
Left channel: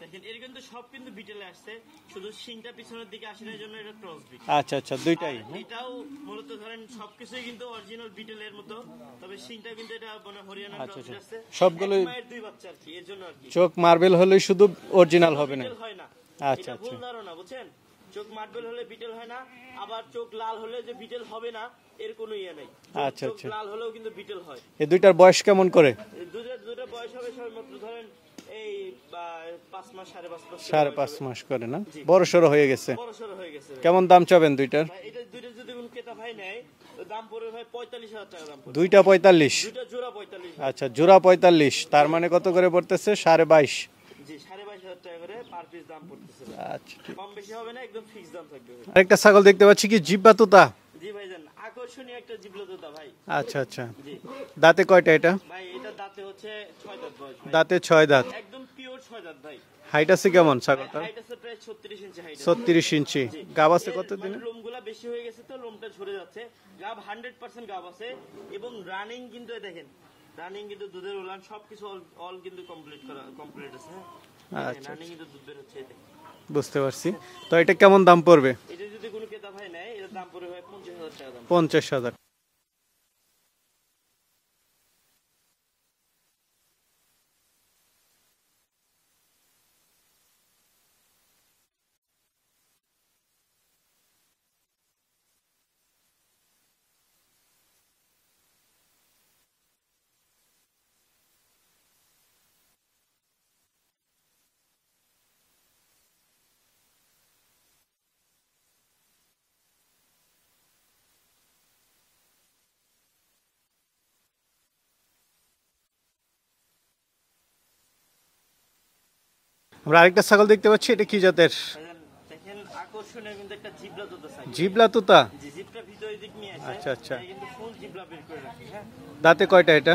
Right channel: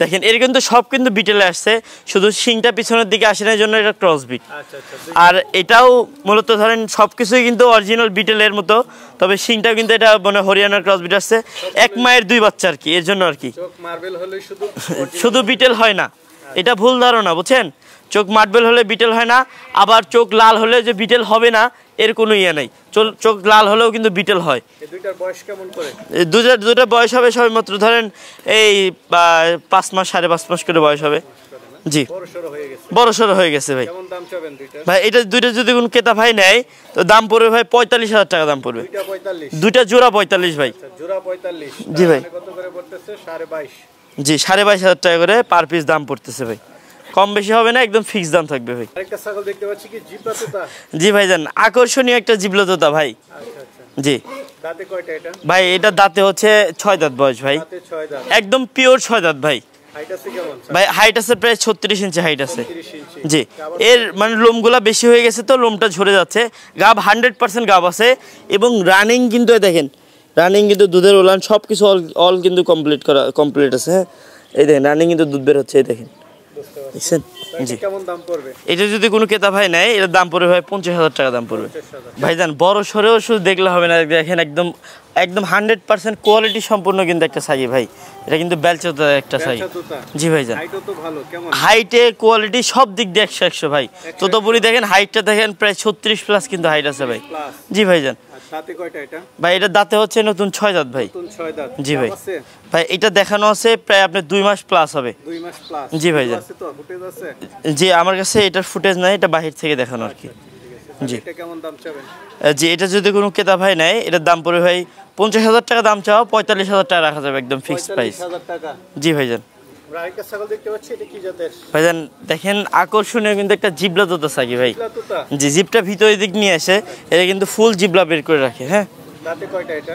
দেখেন এর কিন্তু সব কিন্তু বিটেলে আসছে, শুধু শিংটা পিছনের দিকে আসে না, জন্য এটা ক্রস বিট। আচ্ছা আচ্ছা। আর এটাও মূলত ধরেন সবকিছুই কিন্তু অরিজিনাল বিটেলের মতো, তবে শিংটা কিন্তু এটা মানে হরিয়ানার ক্রস বিট আসছে। এক মায়ের দুই বাচ্চা আর কি, এর জন্য আর কি। চোখ মার্বেল হলে শুধু অরিজিনাল, শুধু বিটেল হয় না, এটা ভুল ধারণা বুঝছেন। চোখ মার্বেল হলে বিটেল হয় না, আবার চোখ লাল হলে যে বিটেল হবে না এর কোনো ইয়ে নাই। চোখ লাল হলেও কিন্তু বিটেল হয়। এই দুইটার বয়স কেমন করে? দুইটা বয়স হবে সবে মাত্র ধরেন এই 5 মাস 5.5 মাস করে বয়স হবে। জি, বড়সড় হয়ে গেছে। বড়সড় হয়ে গেছে ভাই। কেমন দাম চাবেন দুইটার? ভাই এটা দুইটা যদি কোন ক্রেতা ভাই নেয় তো দাম পড়বে ভাই 45000 টাকা দাম পড়বে। দুইটা 45? দুইটা জোড়া 45 ভাই। আচ্ছা, জোড়া 45। তার মানে কত করে পড়তেছে? 22.5। জি, 22500 টাকা করে পার পিস দাম পড়তেছে ভাই। কম বেশি হবে না, একদম ফিক্স দাম থাকবে ভাই। একটা ছাগল দেখতে পাচ্ছি, কি জিব্বা তোতা? জি ভাইজান, আকর্ষণীয় একটা জিবলা তোতা ভাই। আচ্ছা আচ্ছা। জি। দাঁতে কয়টা এটা? ভাই এটা দাঁতে হচ্ছে 6 দাঁত বয়স ভাই। দাঁতে 6 দাঁত। একদম পিওর 6 দাঁত ভাই। হাইট আছে কেমন? ভাই হাইট আছে প্রায় 36 ইঞ্চি হাইট আছে। 36 ইঞ্চি। জি। এর মানে লোমগুলা বেশি হয়ে গেছে তো লোমটা ঝরে যাচ্ছে। গাব 100% গাব আছে এবং রানিং কিন্তু দেখেন, রানিং কিন্তু দুধের ওলান সবকিছু অল কিন্তু কমপ্লিট আছে। হ্যাঁ, এই দেখেন রানিং কিন্তু দুধ বের হচ্ছে, এই দেখেন। বুঝতে পারছি। তো এটা কেমন দাম পড়বে? এটা যদি কোনো ক্রেতা ভাই নেয় এর দাম পড়বে ভাই 50000 টাকা দাম পড়বে। 50000। ভাইজান বড় সরেও শুধু দেখলে হবে না, দেখেন একদম 100% কোয়ালিটি সম্পূর্ণ কিন্তু একটা ছাগি ভাই। এটা কিন্তু বেলচা তোতা একটা ছাগি। জি ভাইজান। হাইটও তো ভালো। কেমন? হাইটে কোয়ালিটি সব দিক দিয়ে 100 ভাই। তোতাপুরি দেখেন হাইটটা দেখেন প্রায় 36+ কিন্তু হাইট আছে ভাই। জি ভাইজান। দাঁতে কয়টা এটা? ভাই এটা দাঁতে হচ্ছে নতুন 6 দাঁত ভাই। নতুন 6 দাঁত। জি ভাই। ভাই এটা দেখানো আছে প্রায় আপনার 2 মাস প্লাস হবে। 2 মাস প্লাস। জি ভাইজান। আছে তো ফুটেজ আছে? জি, আমার কাছে এটার ফুটেজ নাই, এটা বাহির থেকে দেখানো আর কি। জি। এটা কেমন দাম চাবেন? জি, এটা যদি কোনো ক্রেতা ভাই নেয় এটার দাম পড়বে ভাই 50000 টাকা দাম চাও, 45000 টাকা রাখা যাবে, একদম ফিক্সড প্রাইস। 45000 টাকা। জি ভাইজান। আমরা আরেকটা ছাগল দেখতে পাচ্ছি, এটা কি জাতের? ভাইজান দেখেন আকর্ষণীয় কিন্তু একটা জিবলা তোতা ছাগি ভাই। জিবলা তোতা? জি, জিবটা ভিতরের দিক নিয়ে আসে, এটা কিন্তু ফুল জিবলা বের করে রাখে। হ্যাঁ। দাঁতে কয়টা এটা?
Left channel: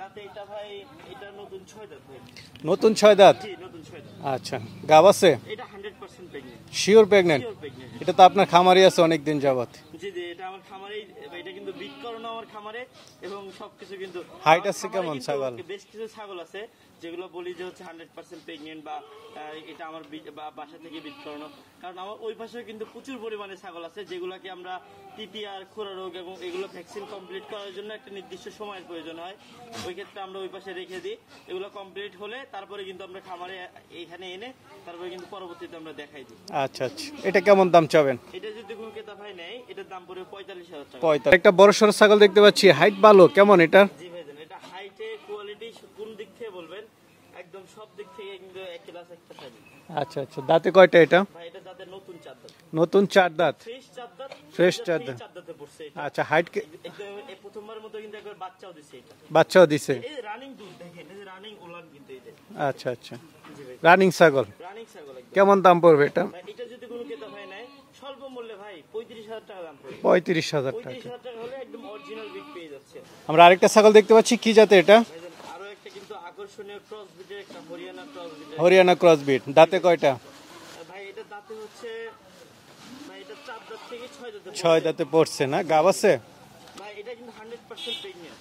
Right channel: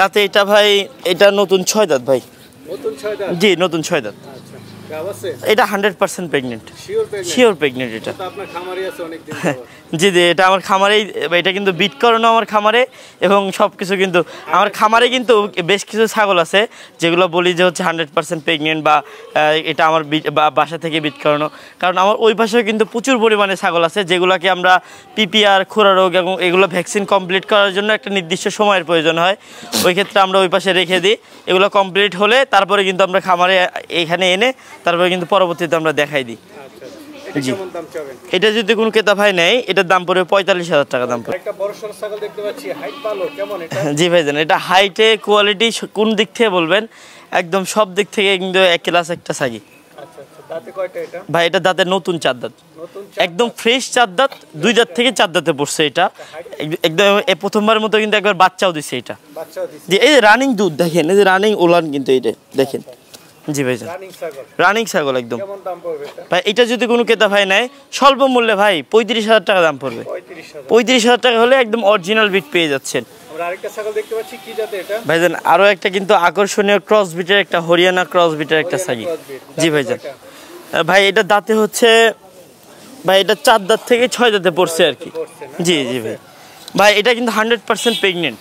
দাঁতে এটা ভাই এটা নতুন 6 দাঁত ভাই। নতুন 6 দাঁত? জি, নতুন 6 দাঁত। আচ্ছা, গাব আছে? এটা 100% pregnant. Sure pregnant? Sure pregnant. এটা তো আপনার খামারি আছে অনেক দিন যাবত? জি জি, এটা আমার খামারেই, এটা কিন্তু বিট করানো আমার খামারে এবং সবকিছু কিন্তু আমার খামারে কিন্তু বেশ কিছু ছাগল আছে যেগুলো বলি যে হচ্ছে 100% প্রেগন্যান্ট বা এটা আমার বাসা থেকে বিট করানো। কারণ আমার ওই পাশে কিন্তু প্রচুর পরিমাণে ছাগল আছে যেগুলোকে আমরা পিপিআর, খোরা রোগ এবং এগুলো ভ্যাকসিন কমপ্লিট করার জন্য একটা নির্দিষ্ট সময়ের প্রয়োজন হয়। ওই ক্ষেত্রে আমরা ওই পাশে রেখে দিই, এগুলো কমপ্লিট হলে তারপরে কিন্তু আমরা খামারে এখানে এনে তারপরে কিন্তু পরবর্তীতে আমরা দেখাই দিই। আচ্ছা আচ্ছা। এটা কেমন দাম চাবেন? এটা যদি কোনো ক্রেতা ভাই নেয় এটার দাম পড়বে 45000 টাকা দাম। একটা বড় সরো ছাগল দেখতে পাচ্ছি, হাইট ভালো, কেমন এটা? জি ভাইজান, এটা হাইটে কোয়ালিটি কোন দিক থেকে বলবেন, একদম সব দিক থেকে কিন্তু এক ক্লাস একটা ছাগি। আচ্ছা আচ্ছা। দাঁতে কয়টা এটা? ভাই এটা দাঁতে নতুন 4 দাঁত। নতুন 4 দাঁত? একদম ফ্রেশ 4 দাঁত, 2 দাঁত থেকে 4 দাঁতে পড়ছে এটা। আচ্ছা, হাইট একদম এই প্রথমবার মতো কিন্তু একবার বাচ্চাও দিছে এটা। বাচ্চাও দিছে? এই যে রানিং দুধ দেখেন, এই যে রানিং ওলান কিন্তু এটা দেখেন। আচ্ছা আচ্ছা। জি ভাই রানিং ছাগল, রানিং ছাগল একদম। কেমন দাম পড়বে এটা ভাই এটা যদি কোনো ক্রেতা ভাই নেয় স্বল্প মূল্যে ভাই 35,000 টাকা দাম পড়বে। 35,000, 35,000 টাকা হলে একদম অরিজিনাল বিট পেয়ে যাচ্ছেন। আমরা আরেকটা ছাগল দেখতে পাচ্ছি, কি জাতের এটা ভাইজান? আরো একটা কিন্তু আকর্ষণীয় ক্রস বিটের একটা হরিয়ানা ক্রস বিটের একটা হরিয়ানা ছাগল। ক্রস বিট, জি ভাইজান। ভাই এটা দাঁতে হচ্ছে ভাই এটা 4 দাঁত থেকে 6 দাঁতে পড়ছে আর কি। পড়ছে না? জি জি ভাই এটা কিন্তু 100% প্রেগন্যান্ট,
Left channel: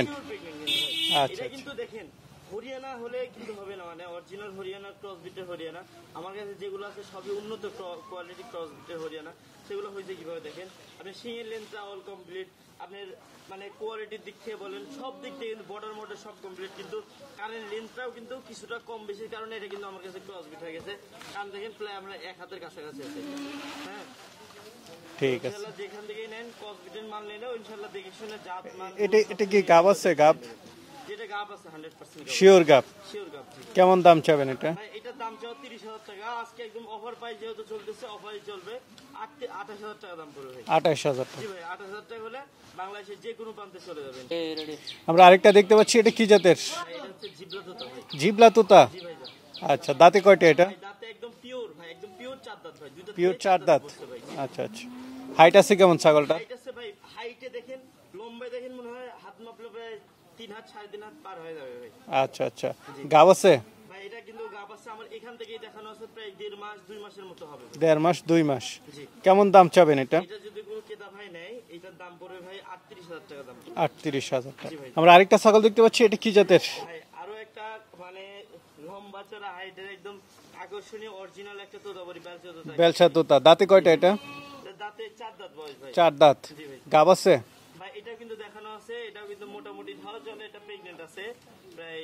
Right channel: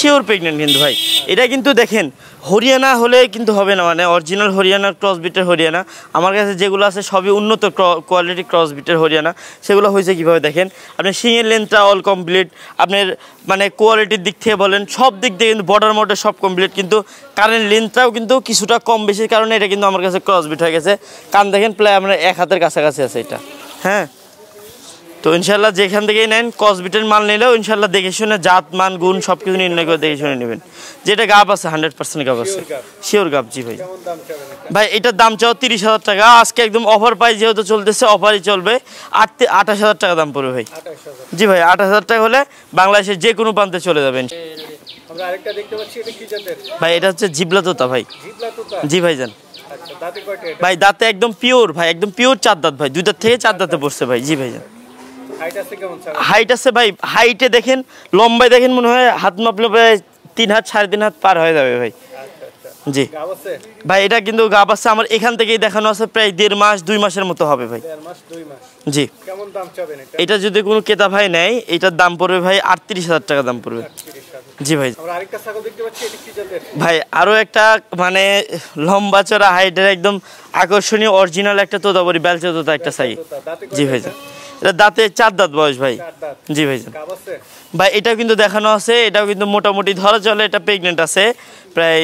শিওর প্রেগন্যান্ট কিন্তু ভাই। এটা কিন্তু দেখেন হরিয়ানা হলে কিন্তু হবে না, মানে অরিজিনাল হরিয়ানা ক্রস বিটের হরিয়ানা। আমার কাছে যেগুলো আছে সবই উন্নত কোয়ালিটি ক্রস বিটের হরিয়ানা। সেগুলো হয়েছে কিভাবে দেখেন, আপনি শিঙের লেন্থটা অল কমপ্লিট, আপনার মানে কোয়ালিটির দিক থেকে বলেন সব দিক দিয়ে কিন্তু বর্ডার মডেল সব কমপ্লিট, কিন্তু কানের লেন্থটাও কিন্তু কিছুটা কম বেশির কারণে এটা কিন্তু আমার কাছে ক্রস বিট হয়ে গেছে। কান দেখেন প্রায় আপনার 1 হাতের কাছাকাছি আছে এটা। হ্যাঁ, তো ইনশাল্লাহ যেখান থেকেই নেন কসবিটের মাল নিলেও ইনশাল্লাহ দেখে শুনে জাত মান গুণ সবকিছু নির্ণয় করে দেখে শুনে নেবেন। যেটা গাব আছে 100% গাব আছে, শিওর গাব। জি ভাই। কেমন দাম চাবেন এটা? ভাই এটার দাম চাও 30,000 টাকা। আজকে একদম অফার প্রাইস যেহেতু চলতেছে, অফারই চলবে। 28,000 টাকা দাম পড়বে ভাই। 28,000? জি ভাই, 28,000 টাকা হলে বাংলাদেশের যে কোনো প্রান্তে চলে যাবেন। আমরা আরেকটা দেখতে পাচ্ছি, এটা কি জাতের ভাই? এটা হচ্ছে জিবলা তোতা ভাই। জিবলা তোতা? জি ভাইজান। আচ্ছা, দাঁতে কয়টা এটা? ভাই দাঁতে একদম পিওর ভাই, একদম পিওর 4 দাঁত ভাই, 2 দাঁত থেকে 4 দাঁতে পড়ছে ভাই। জি ভাইজান। হাইট আছে কেমন ছাগল? হাইট আছে ভাই, হাইটে দেখেন লম্বায় দেখেন মনে হয় হাত মাপলে প্রায় 3 হাত 3.5 হাত পার হয়ে যাবে ভাই। আচ্ছা আচ্ছা। জি। গাব আছে ভাই? এটা কিন্তু গাব আছে, আমার এখান থেকেই দেখানো আছে, প্রায় 1.5 মাস 2 মাসের মতো হবে ভাই। 1.5 মাস 2 মাস? জি। কেমন দাম চাবেন এটা? এটা যদি কোনো ক্রেতা ভাই নেয় এটার দাম পড়বে ভাই 38,000 টাকা দাম পড়বে। 38,000? জি ভাই। আমরা আরেকটা ছাগল দেখতে পাচ্ছি, এটা কি জাতের? ভাই আরো একটা মানে লম্বা চড়া হাইটের একদম আকর্ষণীয় অরিজিনাল একটা তোতাপুরি বেলচা তোতা একটা ছাগল। দাঁতে কয়টা এটা? এটা দাঁতে 4 দাঁত বয়স ভাই। 4 দাঁত? জি ভাই। গাব আছে ভাই? এটাও কিন্তু দেখানো আছে, এটাও কিন্তু মোটামুটি ধরা চলে এটা প্রেগনেন্ট আছে, প্রায়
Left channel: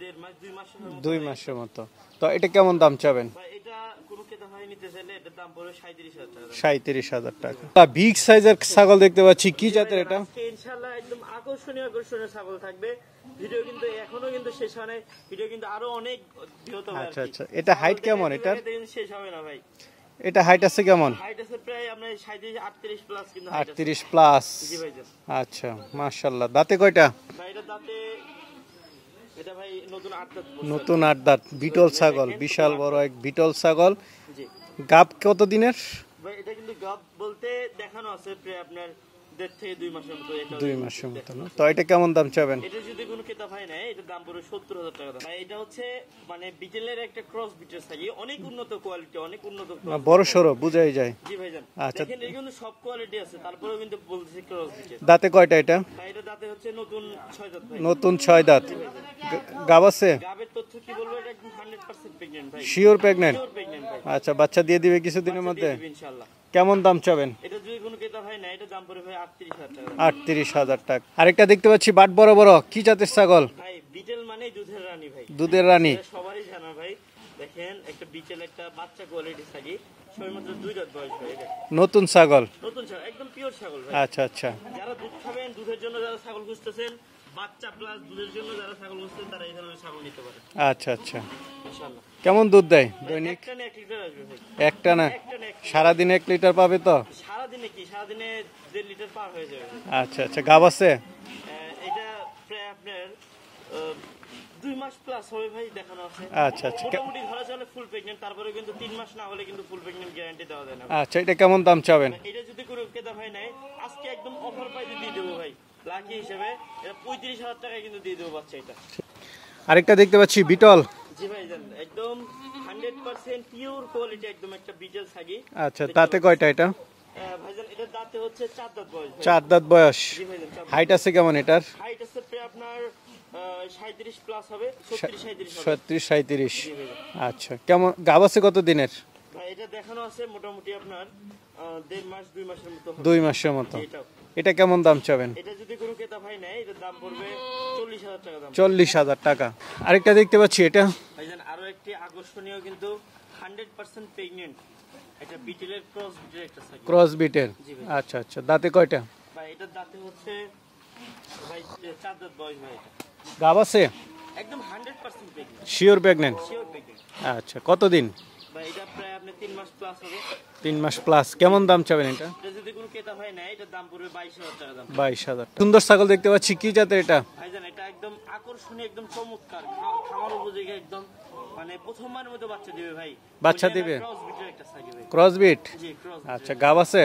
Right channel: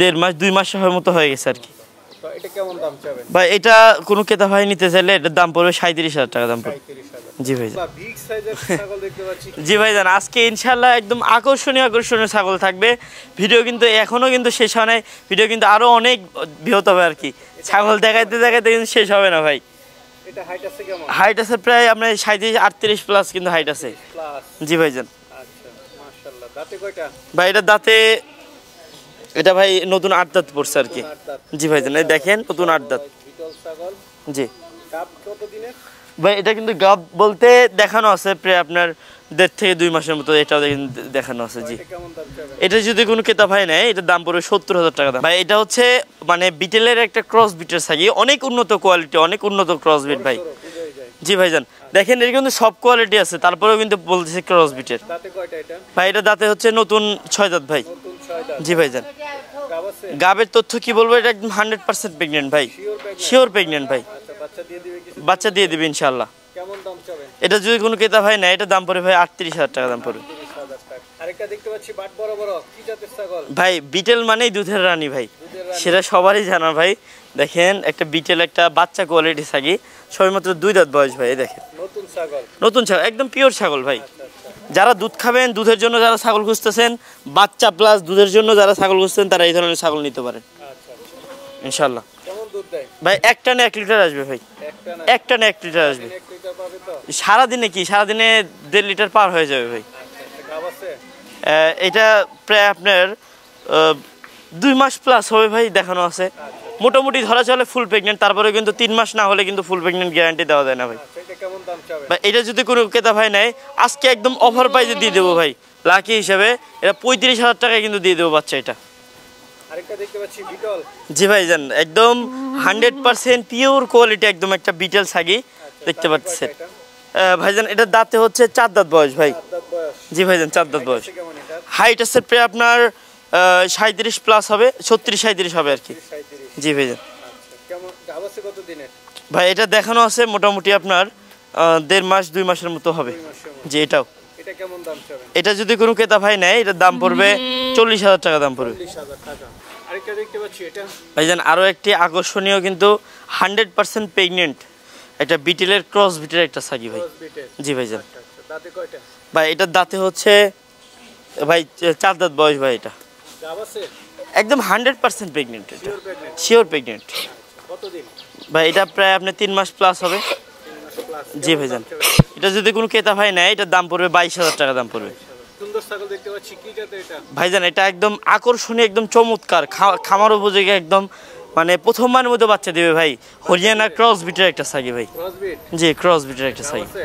1.5 মাস 2 মাস মতো হয়ে গেছে আর কি। তো এটা কেমন দাম চাবেন? ভাই এটা কোনো ক্রেতা ভাই নিতে চাইলে এটার দাম পড়বে 37,000 টাকা দাম। 37,000? জি ভাই। বিগ সাইজের ছাগল দেখতে পাচ্ছি, কি? জি ভাই জান, আজকে ইনশাআল্লাহ একদম আকর্ষণীয় ছাগল থাকবে। ভিডিও কিন্তু এখনো কিন্তু শেষ হয় নাই, ভিডিও কিন্তু আরো অনেক বৃহৎ হবে আর কি। ছাগল দেখাইতে দেখাইতে কিন্তু শেষ হবে না ভাই। এটা হাইট আছে কেমন? হাইট আছে প্রায় আপনার 37-38 প্লাস কিন্তু হাইট আছে। 38 প্লাস? জি ভাইজান। আচ্ছা, মাশাআল্লাহ। দাঁতে কয়টা? ভাই এটা দাঁতে এটা ভাই নতুন 8 দাঁত পড়ছে আর কি। নতুন 8 দাঁত? জি ভাইজান, দেখেন নতুন 8 দাঁত বিটল ছাগল। জি। গাব কত দিনের? ভাই এটা কিন্তু গাব বলতে দেখানো আছে প্রায় আপনার 1.5 থেকে 2 মাসের মতো, এটাও দেখানো আছে। তো এটা কেমন দাম চাবেন? এটা যদি কোনো ক্রেতা ভাই নেয় এটার দাম পড়বে 70,000 টাকা দাম। ভাই এটা হচ্ছে মানে বিটেলের একটা ক্রস বিটের ছাগি, অনেক উন্নত কোয়ালিটি, অনেক উন্নত ক্রস বিট ভাই। বড় বুঝাই যায়। জি ভাইজান, দেখেন এর কিন্তু সব কোয়ালিটি আছে, তারপরেও কিন্তু বলতেছে ক্রস বিটের। দাঁতে কয়টা এটা? ভাই এটা দাঁতে হচ্ছে নতুন 6 দাঁত ভাই। নতুন 6 দাঁত? জি ভাইজান। গাব আছে? গাবের তথ্য কি বলবো, এটা একদম 100% প্রেগন্যান্ট ভাই। Sure pregnant? শিওর প্রেগন্যান্ট ভাই। আচ্ছা, বাচ্চা দিয়ে দিবে কিছু? বাচ্চা দিয়ে দিবে ইনশাআল্লাহ। কেমন দাম চাবেন? এটা যদি কোনো ক্রেতা ভাই নেয় এটার দাম পড়বে ভাই 38,000 টাকা দাম পড়বে। 38,000 টাকা। আরেকটা দেখতে পাচ্ছি বাট বড় বড়, কি জাতের ছাগল? ভাই বিটেল মানেই দুধের রানী ভাই। দুধের রানী? সেটা সবারই জানা ভাই। দেখেন একটা বিটেল একটা বাচ্চা কোয়ালিটি ছাগি, সবেমাত্র 2 দাঁত বয়স ভাই। দেখেন নতুন ছাগল? নতুন ছাগল, একদম পিওর ছাগল ভাই। আচ্ছা আচ্ছা। যারা দুধ খাবেন, দুধের জন্য যারা ছাগল খুঁজতেছেন, বাচ্চা প্লাস দুধের জন্য যারা ছাগল খুঁজতেছেন, তারা এই ধরনের ছাগল নিতে পারেন আচ্ছা আচ্ছা ইনশাআল্লাহ। কেমন দুধ দেয় ভাই? একটা না 1 লিটার আসবে ভাই। একটা না 1 লিটার আসবে। সারাদিন 1 লিটার পাবে তো? সারাদিনে কি, সারাদিনে 1.5 লিটার পার হয়ে যাবে ভাই। আচ্ছা আচ্ছা। গাব আছে? এটা প্রায় আপনার 2 মাস প্লাস হবে ভাই, দেখানো আছে। আচ্ছা আচ্ছা। মোটামুটি ধরা চলে ফুল প্রেগন্যান্ট, তারপরে কিন্তু 3 মাস না হলে কিন্তু ফুল প্রেগন্যান্ট গ্যারান্টি দেওয়া যায় না ভাই। আচ্ছা, এটা কেমন দাম চাবেন? এটা যদি কোনো ক্রেতা ভাই নেয় আজকে একদম অফার প্রাইসে দিয়ে দেবো ভাই, লাকি হিসেবে। এটা 35,000 টাকায় কিন্তু দিয়ে দেবো বাচ্চা এটা। আরেকটা দেখতে পাচ্ছি বিটল। জি ভাই জান, একদম 100% পিওর কোয়ালিটি একদম একটা বিটেল ছাগি। আচ্ছা, দেখতে দাঁতে কয়টা পাচ্ছেন এটা? ভাইজান এটা দাঁতে হচ্ছে 4 দাঁত বয়স ভাই। 4 দাঁত বয়স? জি ভাইজান, 4 দাঁত হাইট বয়স। আছে কেমন এটার? হাইট আছে প্রায় আপনার 37 প্লাস হবে, 36-37 হবে আর কি। 37। জি ভাইজান। আচ্ছা, কেমন গাব আছে কত দিনের? ভাই এটা দেখানো আছে মোটামুটি আপনার 1.5 মাস 2 মাসের মতো হবে। 2 মাসের মতো? জি। এটাও এটা কেমন দাম চাবেন? এটা যদি কোনো ক্রেতা ভাই নেয় এটার দাম পড়বে 40,000 টাকা দাম পড়বে। 40,000 টাকা। আরেকটা দেখতে পাচ্ছি, এটা ভাইজান আরো একটি আকর্ষণীয় কিন্তু 100% প্রেগন্যান্ট একটা বিটেলের ক্রস বিটের একটা ছাগি। ক্রস বিটের? জি ভাইজান। আচ্ছা আচ্ছা। দাঁতে কয়টা? ভাই এটার দাঁতে হচ্ছে ভাই 4 দাঁত বয়স ভাই। এটা গাব আছে? একদম 100% pregnant. Sure pregnant? Sure pregnant. আচ্ছা, কতদিন? ভাই এটা প্রায় আপনার 3 মাস প্লাস হবে। 3 মাস প্লাস? কেমন দাম চাবেন এটা? এটা যদি কোনো ক্রেতা ভাই নেয় এটার দাম পড়বে 22,000 টাকা দাম পড়বে। 22,000। সুন্দর ছাগল দেখতে পাচ্ছি, কি জাতের এটা? ভাইজান এটা একদম আকর্ষণীয়, একদম চমৎকার, খামার উপযোগী, একদম মানে প্রথমবারের মতো বাচ্চা দিবে ভাই। হরিয়ানা ক্রস বিটের একটা ছাগি ভাই। Cross bit? জি ক্রস বিটের একটা গাব ছাগি আছে?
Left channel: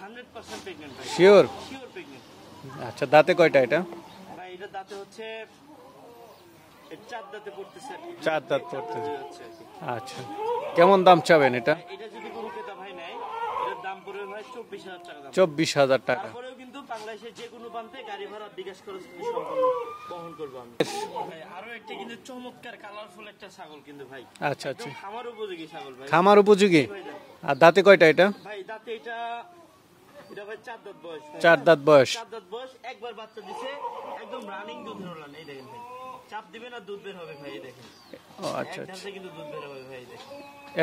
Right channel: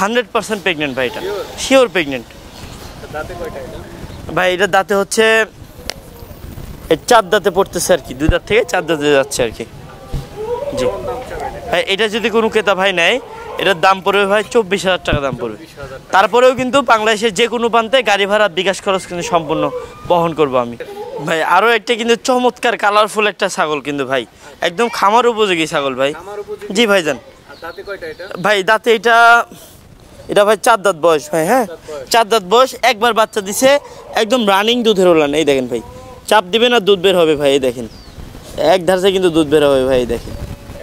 100% প্রেগন্যান্ট ভাই এটা। শিওর? Sure pregnant. আচ্ছা দাঁতে কয়টা এটা? ভাই এটা দাঁতে হচ্ছে 4 দাঁতে পড়তেছে আর কি, 2 দাঁত থেকে 4 দাঁতে যাচ্ছে আর কি। আচ্ছা কেমন দাম চাবেন এটা? ভাই এটা যদি কোনো ক্রেতা ভাই নেয় এটার দাম পড়বে ভাই 24,000 টাকা দাম পড়বে। 24,000 টাকা। তারপরেও কিন্তু বাংলাদেশের যে কোনো প্রান্তে গাড়ি ভাড়া বিকাশ খরচ কিন্তু সম্পূর্ণ বহন করব আমি। ভাই আরো একটা কিন্তু চমৎকার কালারফুল একটা ছাগল কিন্তু ভাই, একদম খামার উপযোগী ছাগল ভাই। খামার উপযোগী? জি ভাইজান। আর দাঁতে কয়টা এটা? ভাই দাঁতে এটা ভাই 4 দাঁত বয়স ভাই। হ্যাঁ 4 দাঁত বয়স। 4 দাঁত বয়স, একবার বাচ্চা দিছে, একদম রানিং দুধের ওলান। এই দেখেন ভাই, চাপ দিবেন আর দুধ বের হবে ভাই। এই দেখেন এক ধারসে কিন্তু দুধ বের হবে ভাই। এই দেখেন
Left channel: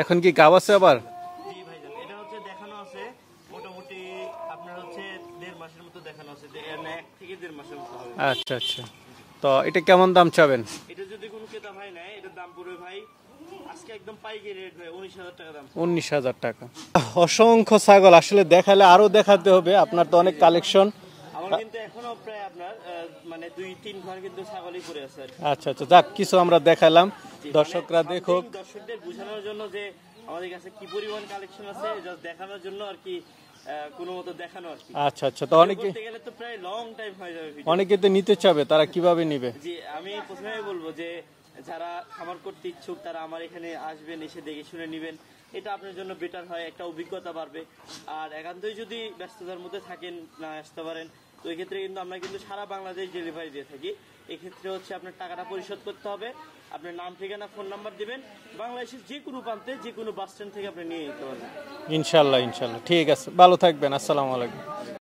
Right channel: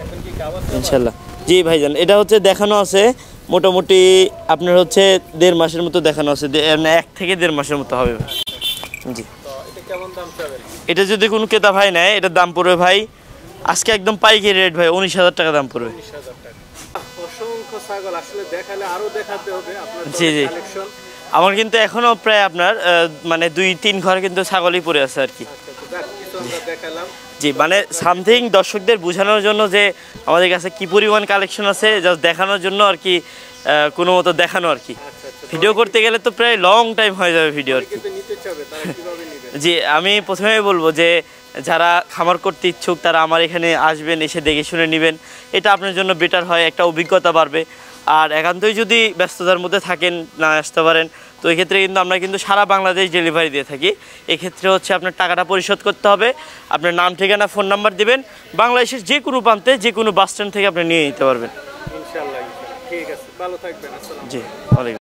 এখন কি গাব আছে আবার? ইনশাআল্লাহ। জি ভাইজান এটা হচ্ছে দেখানো আছে মোটামুটি আপনার হচ্ছে 1.5 মাসের মতো দেখানো আছে, 1 থেকে 1.5 মাসের মতো হবে। আচ্ছা আচ্ছা। জি তো এটা কেমন দাম চাবেন? এটা যদি কোনো ক্রেতা ভাই নেয় এটার দাম পড়বে ভাই আজকে একদম পাইকারি রেট ভাই 19,000 টাকা দাম পড়বে। 19,000 টাকা। অসংখ্য ছাগল আসলে দেখালে আরো দেখাতে হবে, আপনার তো অনেক কালেকশন। আমার কিন্তু এখনো প্রায় আপনার মানে 2-3 ঘর কিন্তু ছাগলই পড়ে আছে আর কি। আচ্ছা আচ্ছা যাক কিছু আমরা দেখাইলাম। জি মানে সামথিং দর্শকদের বোঝানোর জন্য যে আমাদের কাছে কি পরিমাণ কালেকশন আছে জাস্ট দেখানোর জন্য আর কি, কোনো মতো দেখানো আর কি। আচ্ছা আচ্ছা। ভিডিও করতে গেলে তো প্রায় লং টাইম হয়ে যাবে ভিডিও। অনেকে তো নিতে চাবে, তারা কিভাবে নেবে? জি আমি প্রথমেই বলবো যে যারা খামার করতে ইচ্ছুক তারা আমার এখানে আসবেন, এসে দেখে শুনে নেবেন, এটা আপনার জন্য বেটার হয়, একটা অভিজ্ঞতা বাড়বে। আর একান্তই যদি ব্যস্ততার মধ্যে থাকেন না আসতে পারেন তো এই ক্ষেত্রে কিন্তু আমরা কিন্তু সারা বাংলাদেশ ডেলিভারি দিয়ে থাকি। এক্ষেত্রে হচ্ছে আপনার টাকাটা পরিশোধ করতে হবে, আপনার নাম ঠিকানা ফোন নাম্বার দিবেন, বাংলাদেশের যে কোনো প্রান্তে যে কোনো বাস স্ট্যান্ড থেকে আপনি নিয়ে নিতে পারবেন ইনশাল্লাহ ইনশাল্লাহ। ঠিক আছে, ভালো থাকবেন। আসসালামু আলাইকুম। ওয়ালাইকুম